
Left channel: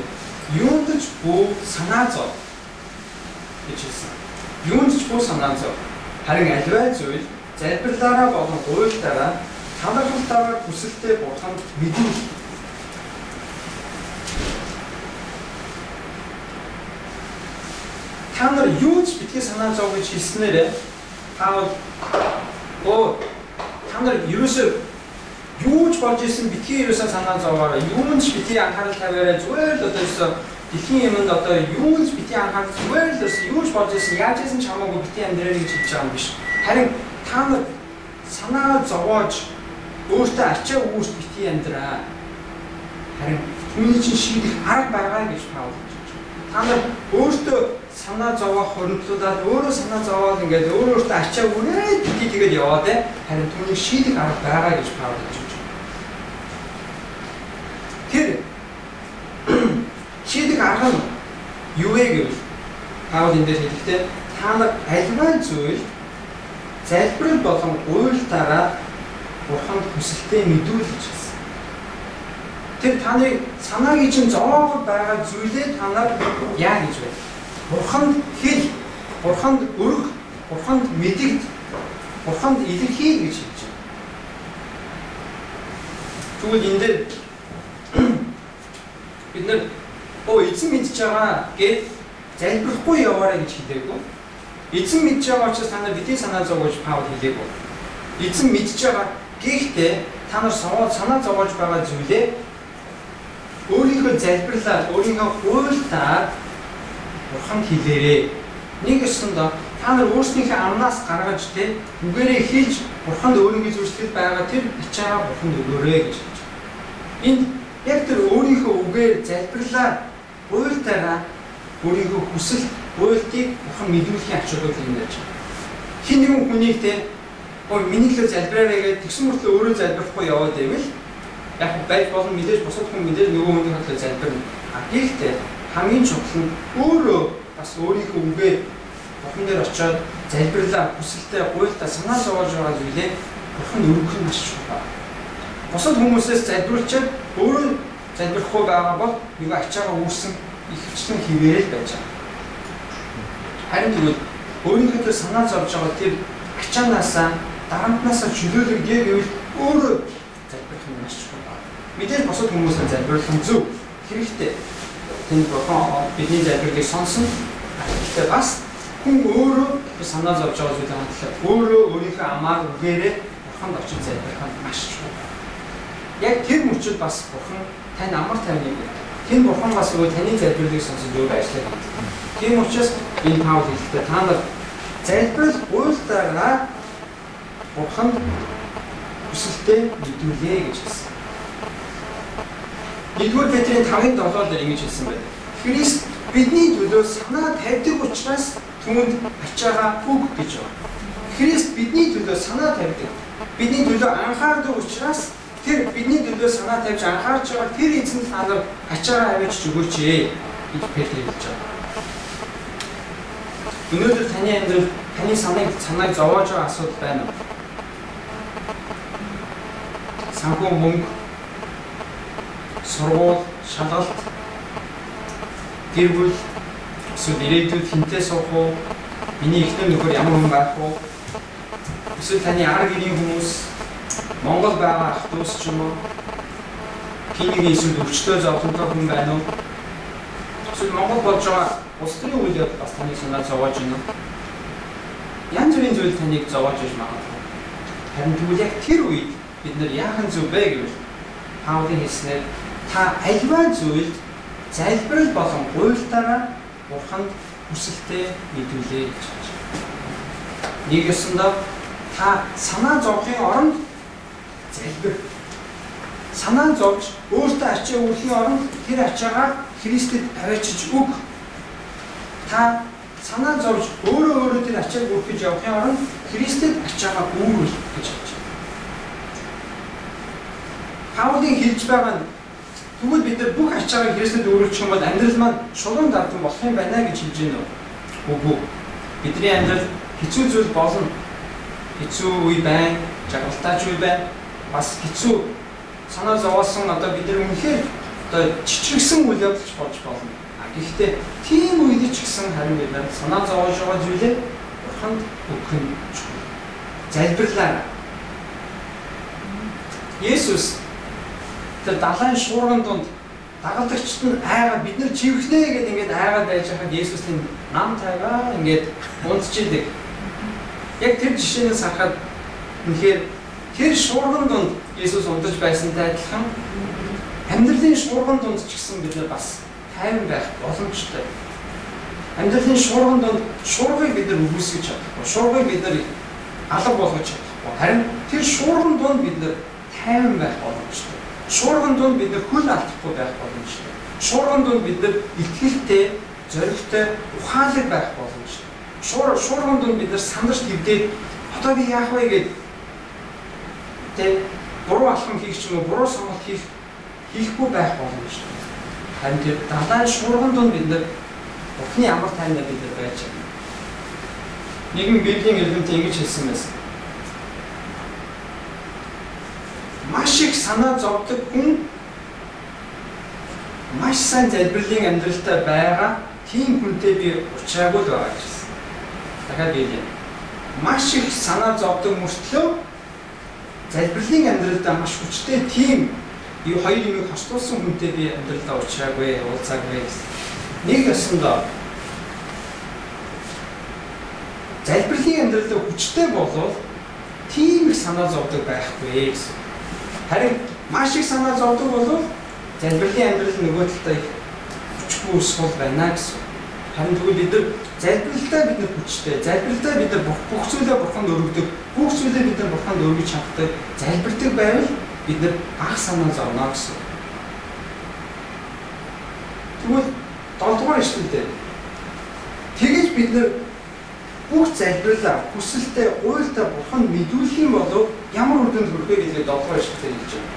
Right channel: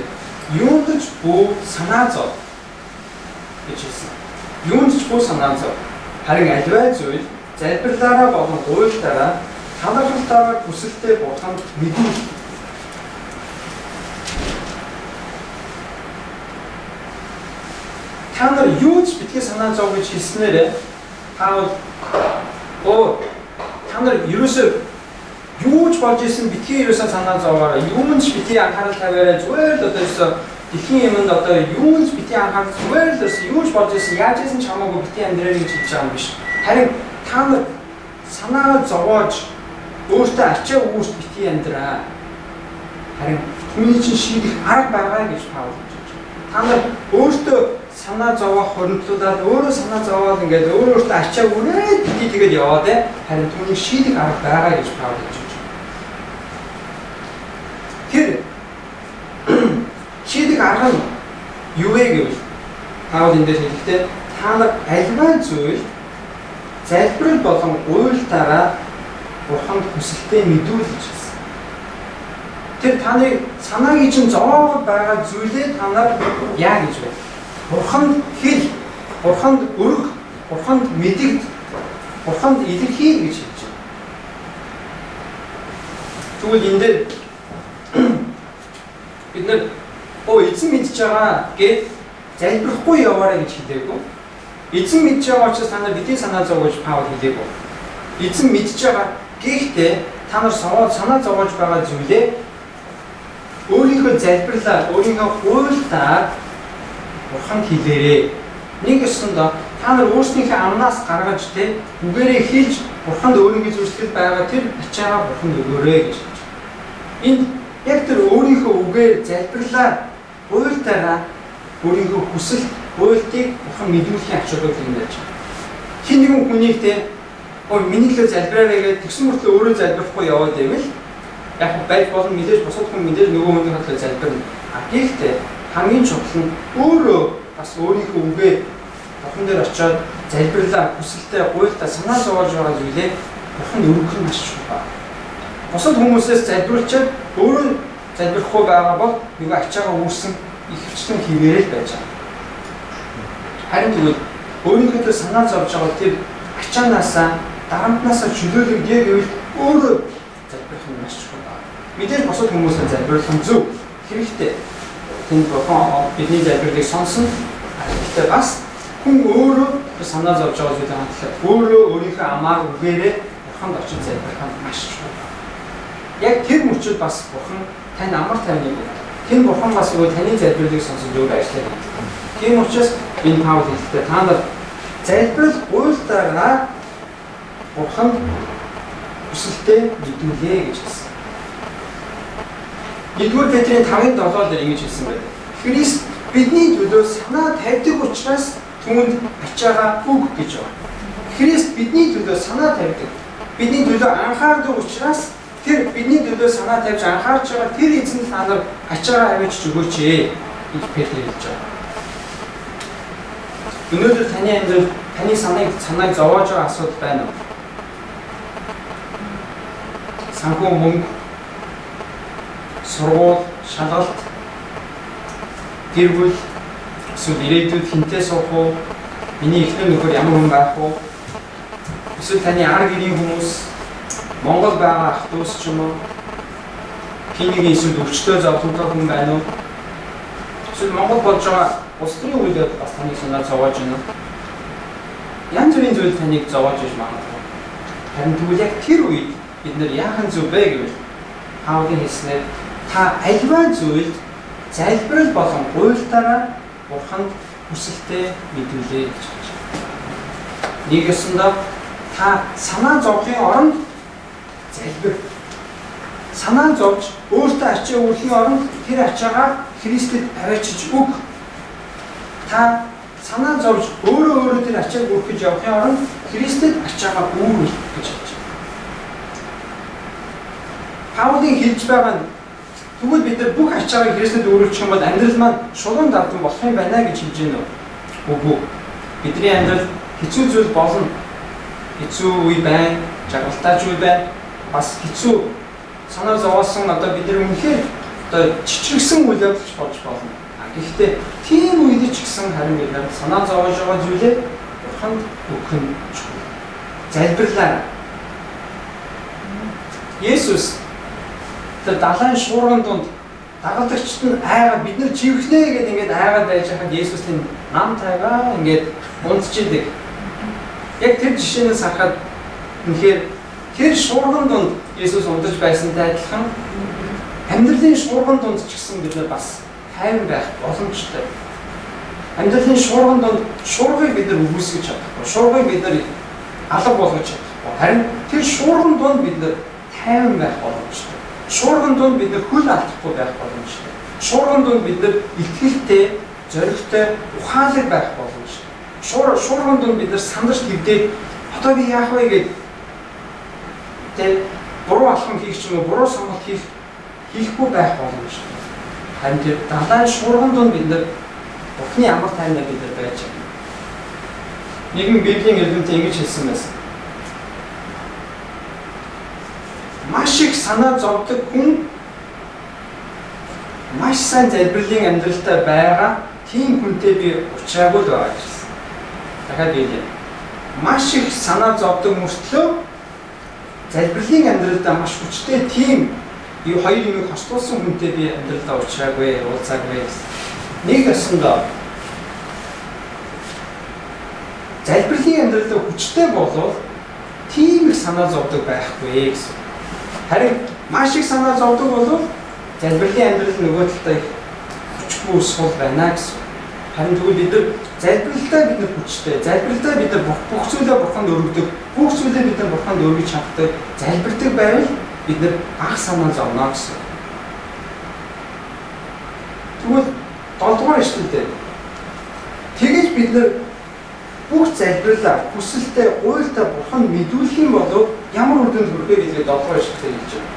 юунд ч бүү санаа зов гэж хэлсэн. Юунд ч бүү санаа зов. Харин аливаа зүйл залбирлаараа болон гуйлтаараа талархалтаараа хүсэлтэд Бурханд мэдүүлэх. Та нар юу ч битгий санаа зов гэж хэлснээрээ Паул та нар ерөөсөө юу ч болж исэн битгий ерөөсөө санаа зовоорой. Юунд ч битгий анхаарал тавиараа зүгээр л одоо дэлхийн юмд одоо юунд ч битгий анхаарал зүгээр л юу ч болж исэн яаж исэн ч хамаагүй битгий амьдраарай гэж хэлж байгаа юм биш. Харин та нар санаа зовоож өөртөө ачаа үүрт битгий амьдраа. Харин түүний чинь шийдэх арга байгаа гэж Паул хэлж байна. Та нар өөртөө санаа зовоох хоригдлуудаад өөрөө санаа зовоод ингээд өөртөө ачаа үрээд битгий тэгээд яваад харин түүний шийдэх арга байгаа гэж Паул хэлж байна. Тэр шийдэх арга нь юу вэ гэвэл Паул энэ дээр хэлэхдээ та нар альва зүйл залбирал болон уйлтаараа Бурханд хүсэлтэд мэдүүлж гэсэн. Тэр таны санаагийн чинь зовоогод байгаа зүйлээ та нар яа гэж вэ? Бурханд хэл, Бурханд өрг, Бурханд мэдэгд, Бурханд илэрхийл гэж хэлж байна. Тэгвэл энэ дээр бид нар эзэн мэдж байгаа гэж залбирахгүй яваарай гэж хэлээгүй. Эзэн мэдж байгаа учраас та нар бидний санаа зовж Паул хэлээгүй. Эзэн мэдж байгаа гэхдээ та нар санаа зовж байгаа зүйлээ өөрийнхөө залбирлаар, өөрийнхөө хуйлтаар Бурханд хэлээрэй. Нэг ёсондоо та нар өөрсдийнхээ амнаас гаргаж үгээрээ хэлж Бурханд өөрийнхөө зүйлсэл байгаа тэр ачаагаа Бурханд өгөөрэй гэж хэлж байна. Энд яг тэр өөрийнхөө үгээр залбирлаар хуйлтаараа өөрийнхөө хүсэл, хуйлтыг Бурхан мэдүүлэхийн ачаагаа хэлнэж байна. Хин нэгэн хүнийг миний төлөө залбираарай гэж тэгсэн мөртлөө өөрөө залбирахгүй яваад байвал яг байж болон мэдээж бусад хүн мэдээж нөгөө хүний төлөө залбирна. Гэхдээ хамгийн чухал нь өөрөө бас өөрийнхөө үгээ Бурхан дээр очиод залбирлаа, хүсэлтэй, хуйлтаа санаа зовоож байгаа зүйлээ Бурхан өргөх нь маш чухал. Бусад хүмүүсээс залбирлчаад өөрөө залбирахгүй байгаа бол нөгөө ачаагаа үүсгэн ихэвчлэн хിവэрэл байж байгаа. Харин тэгвэл өөрийнхөө төлөө санаа зовж байгаа тэр ачаанаасаа дарамтнаасаа чөлөөлөгдөө гэвэл өөрөө залбирх нь маш чухал байна. Мэдээж бусад хүмүүсээ залбирлах нь зөв, хэрэгтэй. Тэнд Бурхан бидний залбирлыг сонсно. Гэхдээ бас хүн өөрөө санаа зовж байгаа зүйлээ хандлах, өөрөө өөрийнхөө амаар үгээрээ Бурханд очиж залбирх нь маш чухал. Яг тэр мөчид бас Бурхан тань амар тайвныг өгдөг. Тэр Бурхан бас нөгөө таны залбирлыг сонсож өөрөө ажиллаж байдаг. Тийм учраас энэ Паул хэлэхдээ та нар залбирал уйлтаараа Бурханд хүсэлтэд мэдүүлээ гэж хэлсэн. 1-р Петрийн 5:7 дээр ингэж хэлсэн байдаг. Христ бидний төлөө санаа тавьдаг учраас түүнд ачаагаа өг гэж байна. Христ бидний төлөө санаа тавьдаг. Бидний төлөө анхаардаг учраас тэр бидний төлөө санаа тавьж анхаарч байгаа тэр эзэнд та нар ачаагаа авчиж өгөөч гэж Петр хэлж байгаа. Өнөөдөр таны амьдрал таны санааг зовоож байгаа асуудал байна уу? Санхүү мөнгө, сургууль, шалгалт, гэр бүл, эсвэл ирээдүйд хинтээ суух уу? Миний эхнэр нөхөр ямар хүн байх уу? Эсвэл таны ар гэрийн хүмүүс, Монгол байгаа ах дүүс ч юм уу? Хинийг эсвэл өвчтөө зовлонтой хүн байна уу? Эсвэл Монгол болж байгаа улс төрийн үйлдэл бас таныг санаа зовоож байна. Янз бүрийн зүйл таныг зовоож иж магадгүй. Харин тэгвэл яг тэр үед бид нар яахан зүв бэ гэвэл Паулын хэлснээр та альва зүйлд залбирал болон гуйлтаараа Бурханд хүсэлтэд мэдүүлээ гэж хэлж байна. Нэг ёсондоо та санаа зовхын оронд залбир. Санаа зовж өөртөө ачаа үүрхийн оронд тэр ачаагаа Христэд аваачиж өг. Та санаа зовж өөрөө тэр ачааг өргөх гэж явахын оронд Христэд ачаагаа үүргэл гэж хэлж байна. Паулын хэлж байгаа нь тэгвэл бид нар бүх ачаагаа Христэд өөрчлөх юм бол амьдрал маань шулуун дардан болох юм байна гэж хэлж байна уу? Үгүй. Бидний амьдрал хэцүү зүйл болно. Хэцүү үе байна, жаргалтай үе байна. Бас хэцүү санаа зовоосон одоо бид нар үнэхээр одоо чичирсэн үйл явдалч болж болно. Гэхдээ тийм үед ч гэсэн харин бид нар санаа зовоож байгаа зүйлээ Бурханд өгөх нь чухал. Залбирлаа. Есүс тэр далайн шуурган донд дагалдагчд нь айгаад бид нар живхнэ гэдэг ингээд айгаад байж хахад Есүс тэнд нам тайгаа ингээд унтчихдаг. Яг тэр жишээнээс харахад үнэхээр тэр шуурган донд Есүс унтаж байсантай адилхан амьдралын шуурган донд ч гэсэн бид нар бас тайван байх боломжтой. Амьдралын шуурган донд шуургыг бид нар үгүйсгэж чадахгүй, шуургыг бид нар алга болгож чадахгүй. Харин тэр шуурган донд бид нар тайван байх боломжтой. Шуурган донд бид нар хөл алдахгүй байх боломжтой. Шуурган донд бид нар итгэлтэй, зоригтой, ухаалаг байх боломжтой. Шуурган донд бид нар сандарч гівдээд одоо би яах вэ гэдэг тэ буруу алхам хийх ч юм уу, буруу сонголт хийхгүй байх боломжтой. Харин тэр далайн шуурган донд бид нар Бурхны амар тайвнаар бид нар байж байна. Нэгэн Библийн эрдэмтэд ингэж хэлсэн байсан. Маш их санаа зовдөг хүн маш сайн залбирлын амьдралтай байгаа тийм хүнтэй би уулзаагүй л байгаа гэсэн. Дахиад хэлье. Маш их санаа зовдөг мөртлөө залбирлын амьдралдаа маш хүчтэй тийм хоёр юмыг хослуулсан хүнтэй би амьдралдаа уулзаагүй гэсэн. Нэг ясандаа залбирлын амьдралдаа хүчтэй болов тийм их санаа зовдөг байхгүй гэсэн. Харин маш их санаа зовдөг болов залбирлын амьдрал нөгөө талдаа их хүчгүй сул байна гэсэн. Харин тэгвэл бид нар залбиралтаа бид нар хүчтэй, залбиралтаа бид нар бүх зүйлээ Бурханд өргөдөг, бүх зүйлээ бид нар Бурханд өргөж чаддаг, залбирдаг байвал бид нар ах санаа зовно гэсэн. Тэгвэл 7 дугаар ишлэлдээ тэгэж бид нар бүх залбирлаа хүсэлтэй уйлдаа Бурханд мэдүүлэх юм бол ямар үр дүнд хүрэх вэ гэдгийг 7 дугаар ишлэлдээ хэлж байна.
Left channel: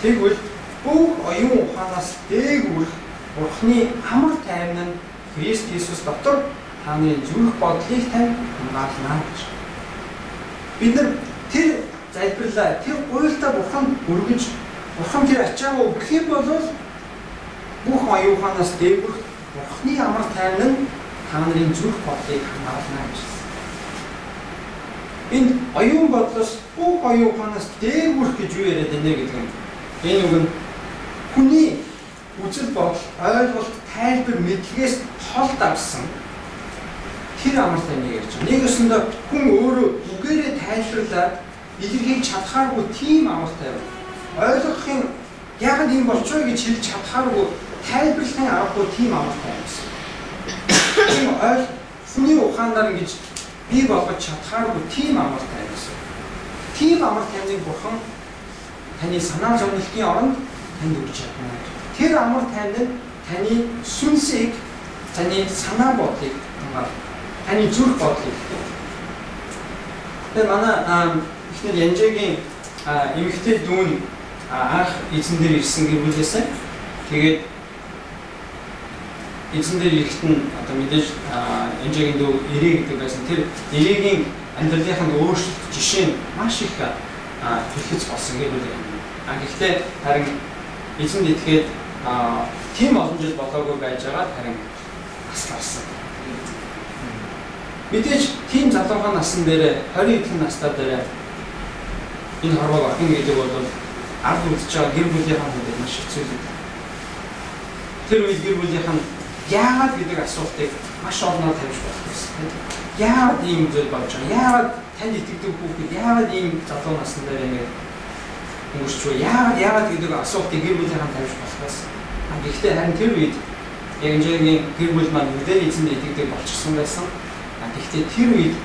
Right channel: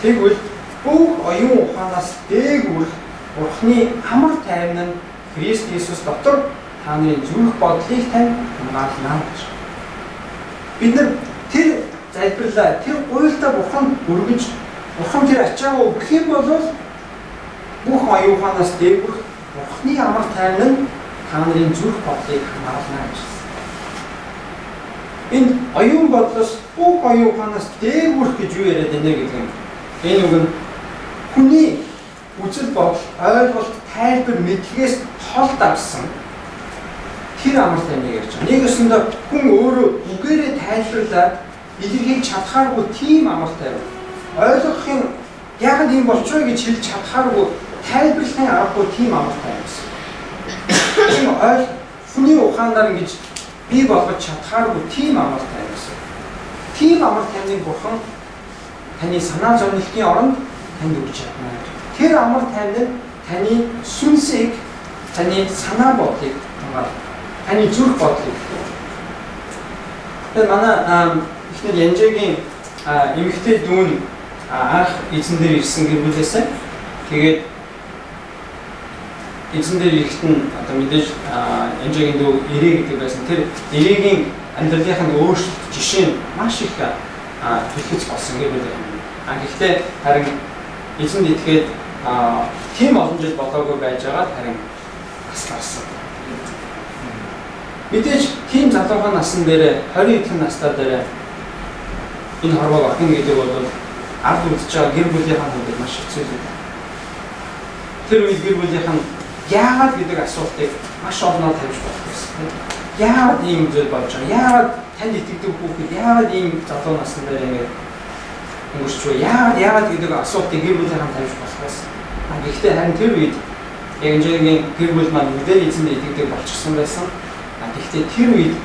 Тэгвэл бүх оюун ухаанаас дээгүүр Бурхны амар тайван нь Христ Есүс дотор таны зүрх бодлыг тань хамгаална гэж. Бид нар тэр залбирлаа, тэр уйлдаа Бурханд өргөж, Бурхан тэр ачаагаа өгөх юм бол бүх оюун ухаанаас дээгүүр Бурхны амар тайван нь таны зүрх бодлыг хамгаална гэж. Энэ оюун бодлоос бүх оюун ухаанаас дээгүүр гэж юу яриад байна гэдэг юм. Энэ үг нь хүний үзэл бодол, ойлголт, тайлбар, мэдлэгээс хол давсан тэр амар тайвныг ярьж байгаа. Нэг өсөндөө хүн өөрөө үгээрээ тайлбарлаад илэрхийлж чадхааргүй тийм амар тайван. Ойлгохын яагаад юм болчихоо гэж хэлж чадхааргүй тайлбарлахын аргагүй тийм амар тайван гэсэн. Тийм хүний ухаанаар ингэж бий болгож чадхааргүй тийм амар тайван гэсэн. Тийм амар тайвныг Бурхан таны санаа зовнилтын оронд танд өгч чадна. Тэр амар тайван нь таны сүнсийг, таны санаа бодлыг хамгаална. Таны зүрх бодлыг. Тэр манай ихнэр Янжигийн эмэгтэй дүүн анх эзэн дээр ирсэн гэр бүлээсээ тэгээд эзэн дээр ирэхэд нь одоо мэдээж Янжигийн дүү ирээ гэдэг байсан. Тэр ирээгийн амьдралынхаа өөрчлөлт жишээ нь маш их хэлхэц болсон гэр бүл. Гэхдээ харин эзэнд итгээд тийм олон жил болоогүй байж байгаа харин бас гарсан. Мэдээж тийм залуухан насн дээр 20 эдхэн настай дээр энэ хорвоог охин гэдэг бол ард үлдэж байгаа гэр бүлийнхэн хүндэд маш хэцүү юм. Тэр үед гэр бүлийнхэн яагаад гэдэг асуултыг маш олноор тавьж болох гэсэн. Яагаад ийм зүйл болж байгаа? Яагаад танд итгэдэг хүүхэд яагаад ийм залуу насн дээр ингэж өнгөрчөө? Яагаад гэдэг асуултыг гэр бүлийнхэн тавьж болох гэсэн. Гэхдээ харин тэр үед Янжигийн гэр бүл маань үдээр эзэнд итгэдэг болчихсон байсан. Гэхдээ тэр үед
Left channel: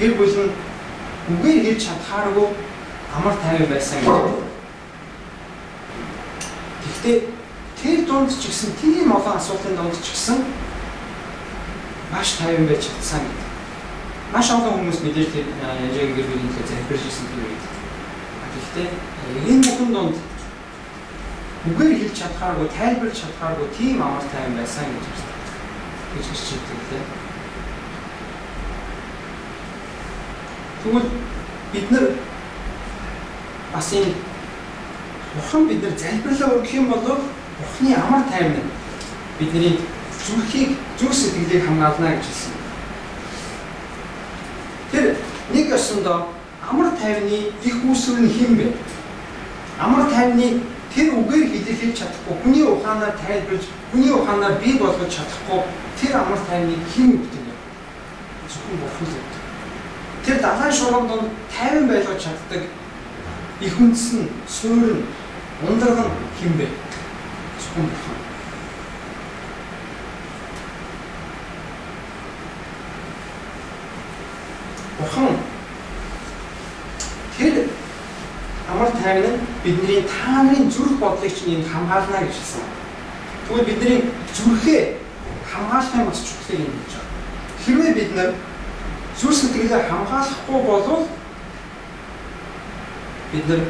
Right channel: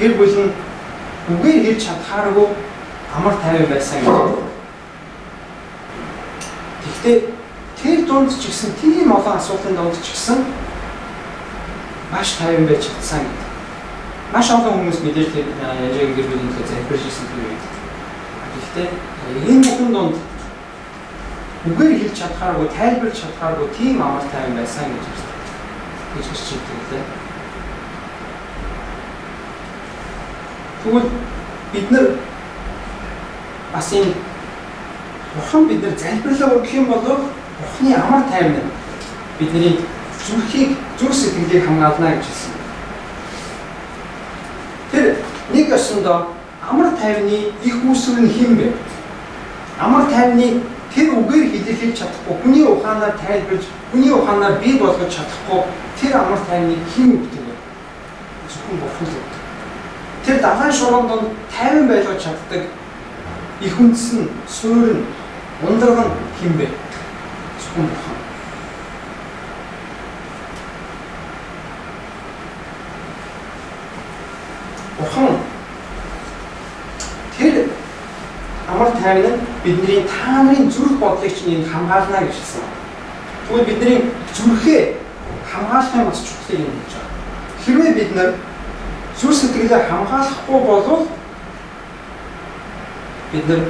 гэр бүл нь үгээр хэлж чадхааргүй амар тайван байсан гэж. Гэхдээ тэр дунд ч гэсэн тийм олон асуудлын дунд ч гэсэн маш тайван байж чадсан гэдэг. Маш олон хүмүүс мэдээж тэр Янжигийн гэр бүлийн төлөө залбирч ирсэн тэр үед. Гэхдээ энэ бүхэн донд үгээр хэлж чадхааргүй, тайлбарлаж чадхааргүй тийм амар тайван байсан гэж байна. гэж хэлж байгаа. Тэгвэл бид нар бас энэ Бурхан биднэр залбирлаа өргөх юм бол Бурханы амар тайван бидний зүрхийг зүрх сэтгэлийг хамгаална гэж хэлсэн. Тэр нэг ёсондоо амар тайвны их үүсвэр нь хэн бэ? Амар тайвны тэр үгээр хэлэлцэж чадахгүй, хүний ухаанаар тайлбарж, хүний ухаанаар бий болгож чадахгүй тэр амар тайвныг хэн өгдөг вэ? Зөвхөн Бурхан л өгдөг. Тэр далайн шуурган донд тайван байлгаж чаддаг их үндэс нь, суурь нь, ундраг нь хэн бэ? Зөвхөн Бурхан. Бурхан тэр амар тайван нь бидний та нарын зүрх бодлыг чинь хамгаална гэж хэлсэн. Тэгвэл бидний зүрхээ хамгаалахын бас чухлыг юм гэж байна. Хэрвээ бид нар зүрх сэтгэлээ хамгаалахгүй бол бид нар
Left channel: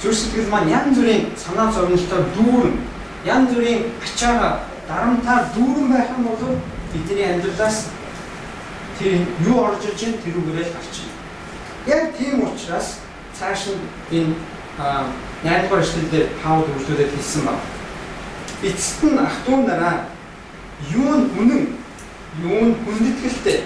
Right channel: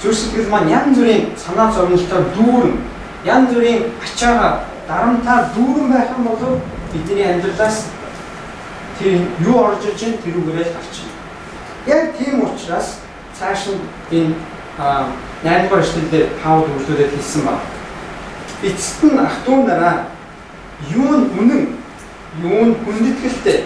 зүрх сэтгэл маань янз бүрийн санаа зовнилтоор дүүрэн, янз бүрийн ачаага дарамтаар дүүрэн байх юм бол бидний амьдралаас тэр юу орж иж чинь тэрүүгээрээ гарч ийн. Яг тийм учраас цааш нь энэ 8-р эшлэлдэр Паул үйлдэлээд хэлсэн байна. Эцэст нь ах トゥ нараа юу нь үнэн, юу нь хүндэтгэлтэй,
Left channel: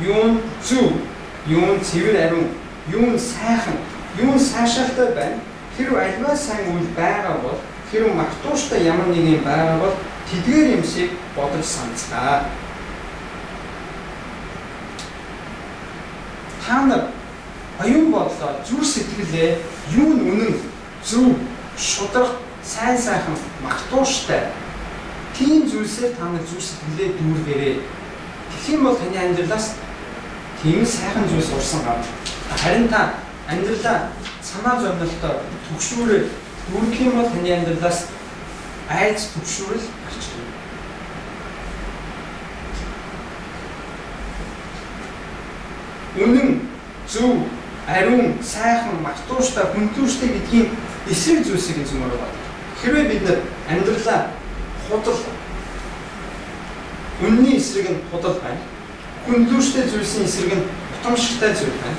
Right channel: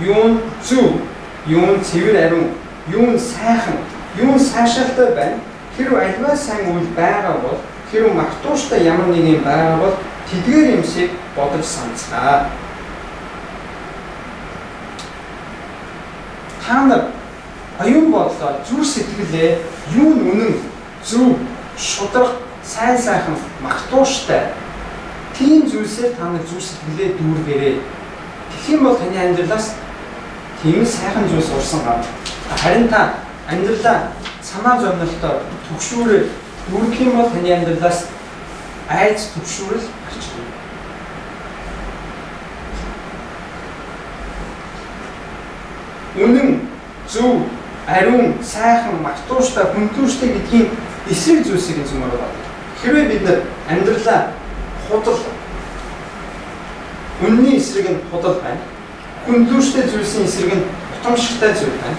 юу нь зөв, юу нь цэвэр ариун, юу нь сайхан, юу нь сайшаалтай байна. Хэрв альва сайн үйл байгаа бол, хэрв магтууштай ямар нэг юм байгаа бол тэдгээр юмсыг бодож санацгаа. Та нар оюун бодлоо зүрх сэтгэлээ юу нь үнэн, зөв, шударга, сайн сайхан, магтууштай тийм зүйлсээр та нар зүрх сэтгэлээ дүүргээрэй. Тэгэх юм бол таны амьдралаас тийм сайхан зүйлс урсан гарна. Харин та амьдралаа санаа зовнилтоор түгшүүрээр дүүргэх юм бол таны амьдралаас айц түгшүүрэл гарч ирнэ. Үнэн, зөв, ариун, сайхан, магтууштай, хүндүүштэй гэдгийн эсрэг зүйлсийг зэмээр байна. Хэрвээ бид нар амьдралаа худал, үнний эсрэг нь худал байна. Хүндүүштэй зүйлсийн эсрэг нь утамшигтай зүйл байна.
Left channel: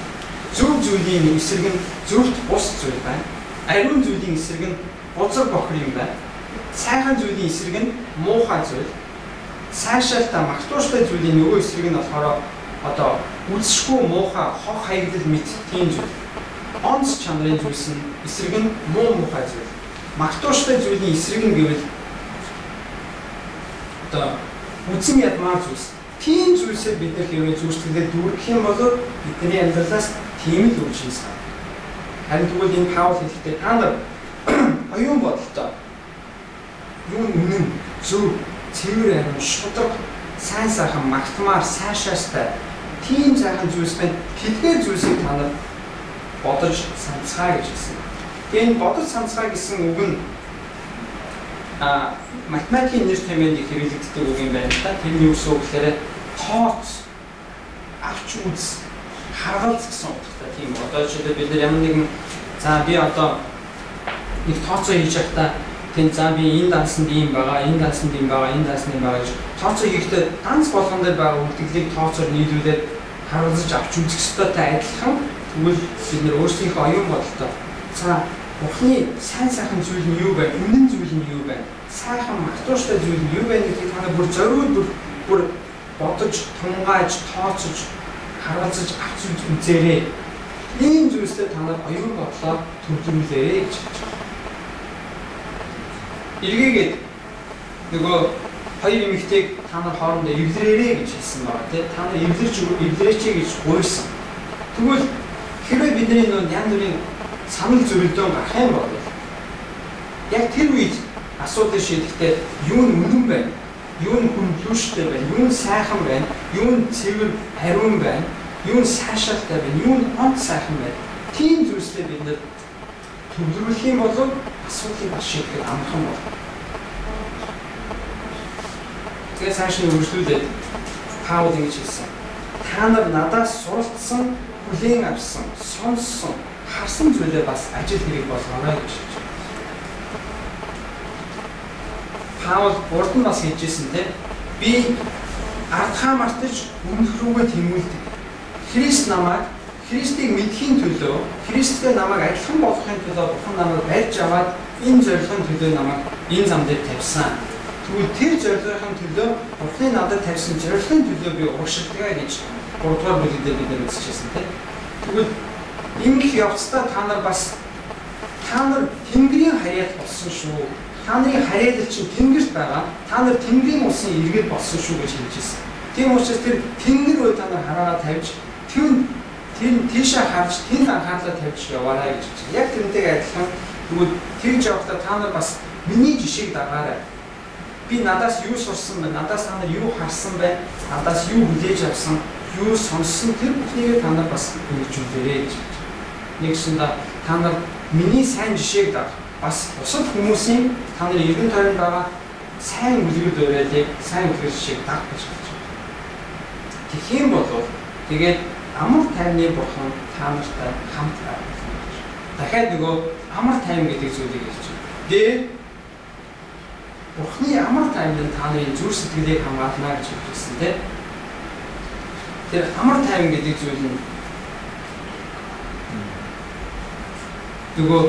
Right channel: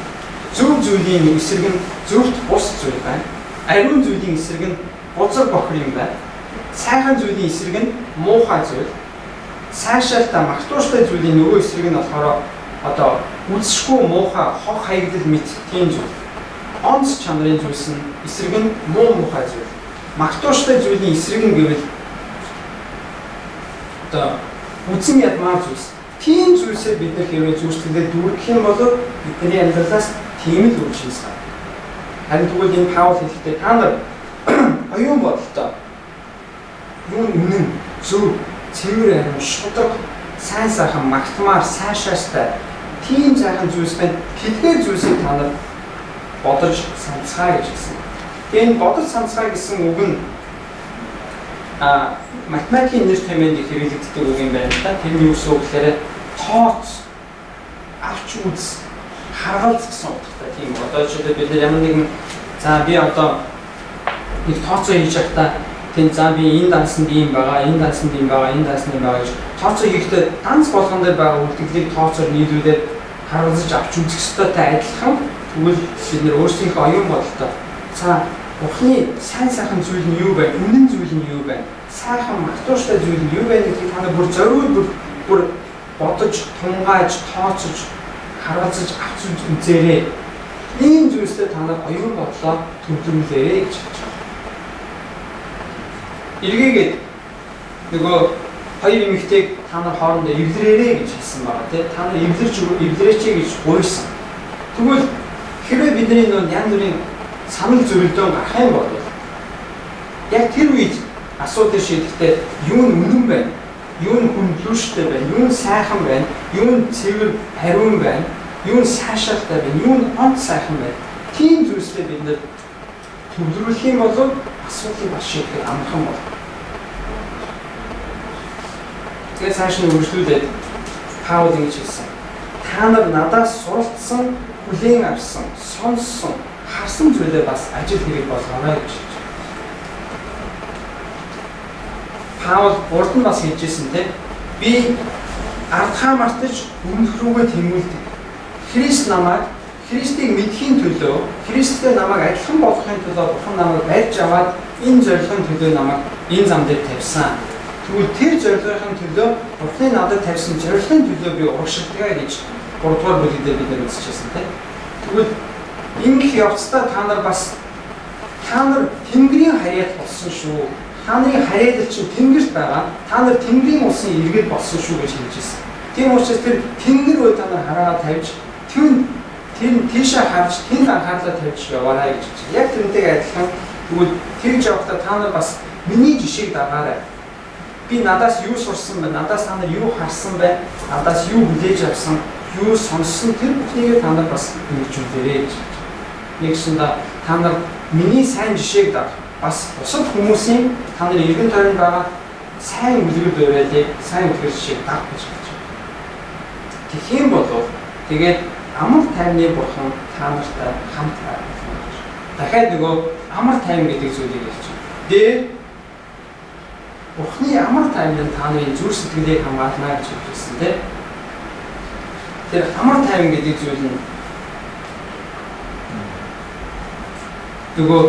Зөв зүйлийн эсрэг нь зөвхт бус зүйл байна. Ариун зүйлийн эсрэг нь бузар бохир юм байна. Сайхан зүйлийн эсрэг нь муухай зүйл. Сайшаалтай, магтууштай зүйлийн нөгөө эсрэг нь болохоор одоо үзшгүй муухай, хог хаягдал мэт тийм зүйл. Онц чанарын зүйлс нь эсрэг нь муухай зүйл. Магтууштай зүйлийн эсрэг нь гэвэл одоо үзэн ядмаар зүйлс. Тийм зүйлсээ бид нар хэрвээ зүрхлэлээр дүүргэх юм бол бидний амьдралаас тийм л үр жимс гарна. Харин тэгвэл энэ Паул хэлэхдээ та нар оюун бодолтой юу үнэн, зөв, цэвэр ариун, шударга, сайн сайхан, магтмаар, сайшаастай тийм сайхан зүйлс байна. Тэдгээр зүйлсийг та нар бодож санацгаа гэж хэлсэн. Тэгээд энэ бодож санацгаа гэсэн үг нь математикийн нэр томьёонд хэрэглэгддэг үг юм байна л да. Тэрний үгс үг гэхээр тооц, авч үз, харгалз гэсэн утгатай тийм. Одоо жишээлбэл бид нар ямар нэгэн за би одоо нэг тооцоо хийж байхдаа тэн за би энэ дансанд ийм байгаа, энэ дансанд ийм байгаа, энэ дансанд ийм байгаа гэж тооцоо хийхдээ данс болгон дээр байгаа үлдгэлийг тооцоор нийлүүлээд харуулж авч үзэх ёстойтой адилхан. Тэгвэл бид нэр өөрсдийнхөө оюун бодолтой за Бурхны сайн сайхан зүйл нь юу байна? Үнэн зүйл нь юу байна? Сайхан магтууштай зүйл нь юу байна гэдгийг та нар бүр зориуд бүр бодож, тунгааж, тооцож, харгалзаж авч үзээрэй. Ийм зүйлсээ та нар оюун бодлоо төвлөрүүлээрэй гэж хэлж байна. Эргээгээд нөгөө хоёр эмэгтэйг та нар хоорондоо эвлэрээрэй гэж хэлсэн байгаа тийм. Та нар эвлэрээч гэж гуйсан. Тэгвэл хэрвээ бидний нөө янз бүрийн санал зөрөлдөөн гарах юм бол яг тэр үед асуудал шийдэхдээ юу нь үнэн байна, юу нь хүндлүүштэй байна, юу нь сайхан байна, юу нь цэвэр ариун байна, юу нь сайшаалтай байна, юу нь онц сайхан байна. Тийм зүйлсээ бид нэр төвлөрүүлэх юм бол асуудлыг бас шийдэхэд амархан болно. Тэгээд цааш нь үргэлжлүүлээд Паул ингэж хэлсэн. Та нар надаас суралцсан, хүлээн авсан, сонссон, харсан зүйлээ бас ажил хэрэг болгоорой гэж хэлж байна. Паул урд нь бас хэлжсэн тийм. Би ардхаа мартаж өмнөх рүүгээ тэмүүлдэг. Христ намайг Христийг мэдхийн төлөө, Христтэй намайг адилхан болгохын төлөө Бурхан намайг барьж аваад энэ зорилгын төлөө намайг энэ зам дээр тавьсан. Тэгвэл тэр зорилгын төлөө Бурханы надад тавьсан зорилгын төлөө би урагшилдаг гэж 3 дугаар бүлэг дээр бид үзчихсэн тийм. Тэгвэл ингэх явцдаа та нар Тэнгэрийн харьяат болсон шүү. Та нарын харьяат чинь Тэнгэрт байгаа. Та нар Тэнгэрийн улсын иргэд болсон шүү гэж хэлжсэн. Тийм учраас тэр Тэнгэр рүү та нар хараа тавьж тийшээ харж тэнд анхаарлаа тавьж яваарай гэж хэлж байна. Яг тэрнтэйг адилхан тэгвэл тэгж явахдаа та нар бас миний жишээг дагаарай. Би надаас юу сурсан бэ? Надаас та нар юу харсан бэ? Надаас юу хүлээж авсан? Юу сонссон? Тэр бүхнийг та нар бас хэрэгжүүлээрэй гэж хэлж байна. Нэгсэндээ та нар миний сайн жишээг даг. Бас бусад хүмүүсийн та нарын эргэн тойронд байгаа сайн үлгэр дуурайлыг, сайн үлгэр жишээг даг гэж хэлж байна. Тэгэх юм бол тэгээд амар тайвны Бурхан та нартай хамт байна. Дахиад нөгөө амар тайван гэдэг зүйлийг хэлж байна. Дээр Бурханы амар тайван та нарын зүрх сэтгэлийг хамгаална гэж хэлсэн тийм. Тэр амар тайван гэдэг зүйл нь нөгөө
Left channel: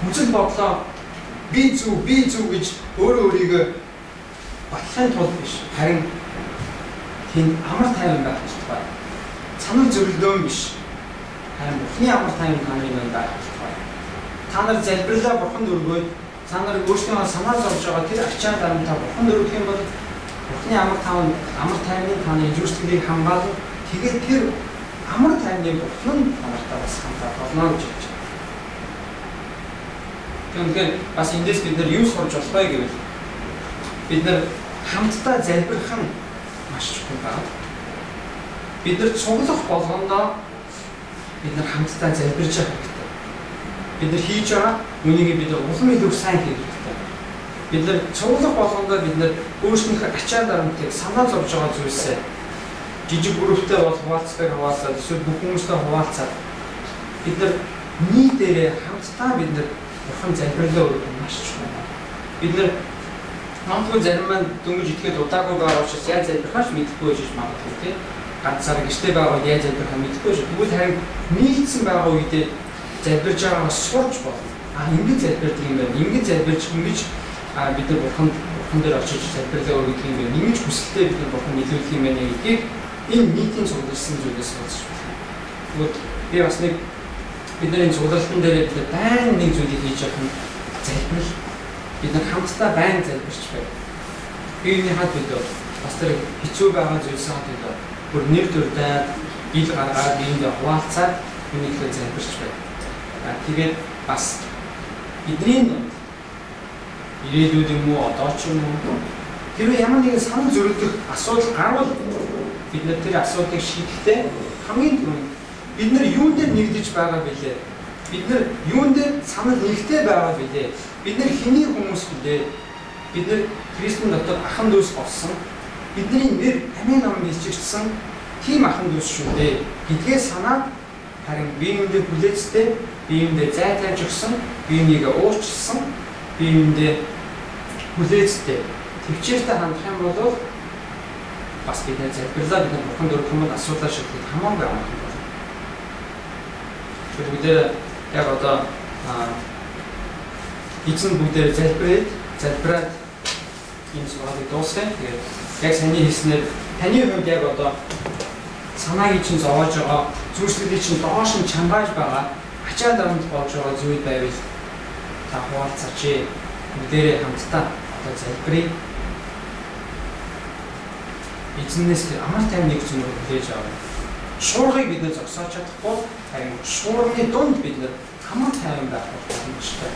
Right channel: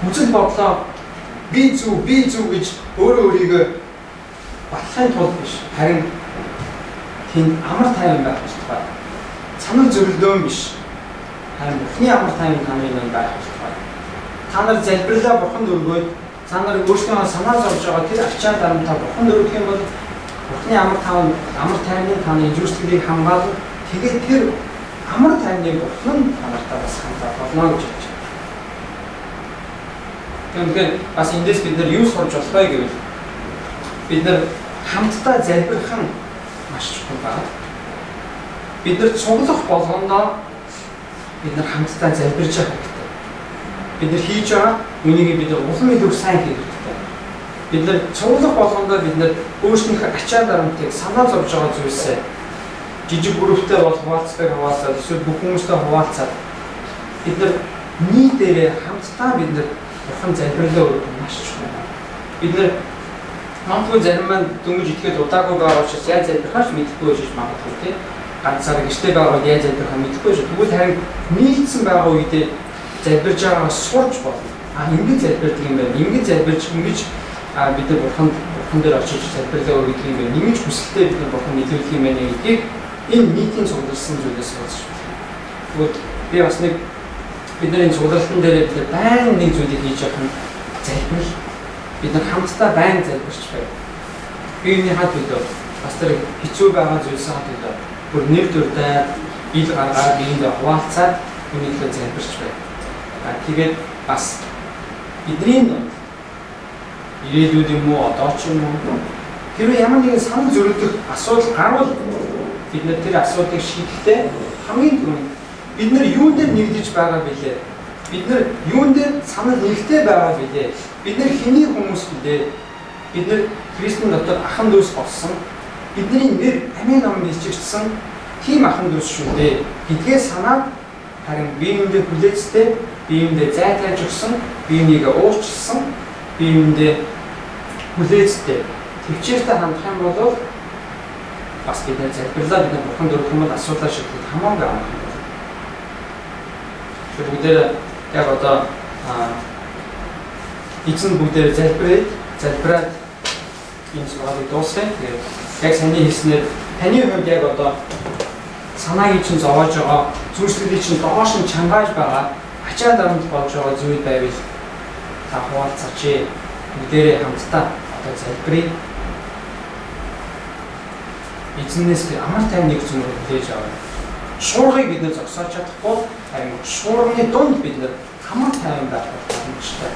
хүчил бодлоо би зүг гэж өөрөө өөрийгөө батлахын тулд биш. Харин тэнд амар тайван байх хэрэгтэй. Санал зөрөлдөөн биш. Харин Бурханы амар тайван таны манд байх хэрэгтэй. Та нар залбирлаа Бурханд өргөөд та нар өөрсдөө санаа зовж байгаа тэр ачаал дарамтаа Бурханд өргөх юм бол Бурханы амар тайвны таны зүрх сэтгэлийг хамгаална. Тэгээд тэр амар тайвны Бурхан та нартай бас хамтаа болно гэж хэлж байна. Тэгэхээр бас эндээс бид нар юу сурч болох вэ гэвэл бид нар хамтдаа залбирах нь маш чухал байна. Бид нар цуглах болгондоо бид нар хамтдаа залбирж явах хэрэгтэй. Бид нар хийж байгаа үнийг бид улам илүү сайн хийх хэрэгтэй. Бид нар цуглах болгондоо бид нар өөрсдийнхөө ачаал дарамтыг санаа зовж байгаа зүйлсээ жижиг бүрэлдэхүүнтэй бол хуваалцаад эсвэл бүх хүмүүстэй хуваалцаад бид нар нийтээрээ хамтдаа бид нар Бурхан залбирлаа өргөх маш чухал. Бид нар магадгүй зарим маань дөнгөж итгэхэд удаагүй байгаа учраас яаж залбирхаач мэдэхгүй байж магадгүй тийм. Ганцаараа гэртээ байгаа яаж залбирхаа мэдэхгүй шүү. Тэгвэл харин нийцсэн байгаа үедээ залбирж байгаагаа сурч болно. Ингэж залбирдаг юм байна. Ингэж залбирч ингэж бид нар Бурхан дээр очиж залбирлаа өргөдөг юм байна. Ингэж хүсэлтэд бид нар Бурхан нийлүүлэх юм байна гэдгийг энэ нийтийн цугларсан зүйлээс сонсч байна. Тэгвэл би бас нэг бидний цуглалтын дээр бид байн нэг зүйлийг хийж явах нь залбирал. Бид нар хамтдаа байн залбирч байна. Биений хад бид бас тэр хэцүү байгаа зүйлсээ хад бүр нэр дүрдээ ил гаргаад биендээ хуваалцаад үнийхээ залбирч байна. Тэгээд бас бидний ирээдүйд юм уу одоо ч юм уу хэрвээ ямар нэгэн санал зөрөлдөх асуудал гарвал бид нар тэр асуудлыг шийдэхдээ хамгийн түрүүнд бид нар юун дээр нэгдэж байгаа бэлээ? Бид нар юун дээр санал нэгтэй байгаа бэлээ? Бид нар хэний хүмүүс бэлээ? Бид нар Христийн дотор ахан дүүс болсон. Бидний нэр амийн ном бичигдсэн тийм ахан дүүс шүү дээ. Гэдгээ санаад харин биеиндээ хүлээцтэй, биеиндээ зай тавьж өгсөн, биенийгээ уурчилсан, биеиндээ хүлээцтэй төвчээртэй хандах юм бол бас бид нар залбирлаа бид нар Бурханд өргөх юм бол асуудлаа шийдэхэд хамаагүй амархан байна. Бүгдээр яг одоо эзэн бүгдээр залбираад энэ зүйлийг дуусгая. Тэгээд яг саний хэлснээр таны хувьд яг одоо санааг чинь зовоож байгаа, зүйлсүүдийг чинь доош нь чангааж байгаа, ачаа дарамт болж байгаа зүйл байвал та хуваалцаач. Бүгдээрээ хамтдаа одоо залбирая. Эзнээс амар тайвныг зөвхөн хүлээж аваа. Шуургыг бид нэ зогсоож чадахгүй харин шуурганы дунд бид нар амар тайван байх боломжтой.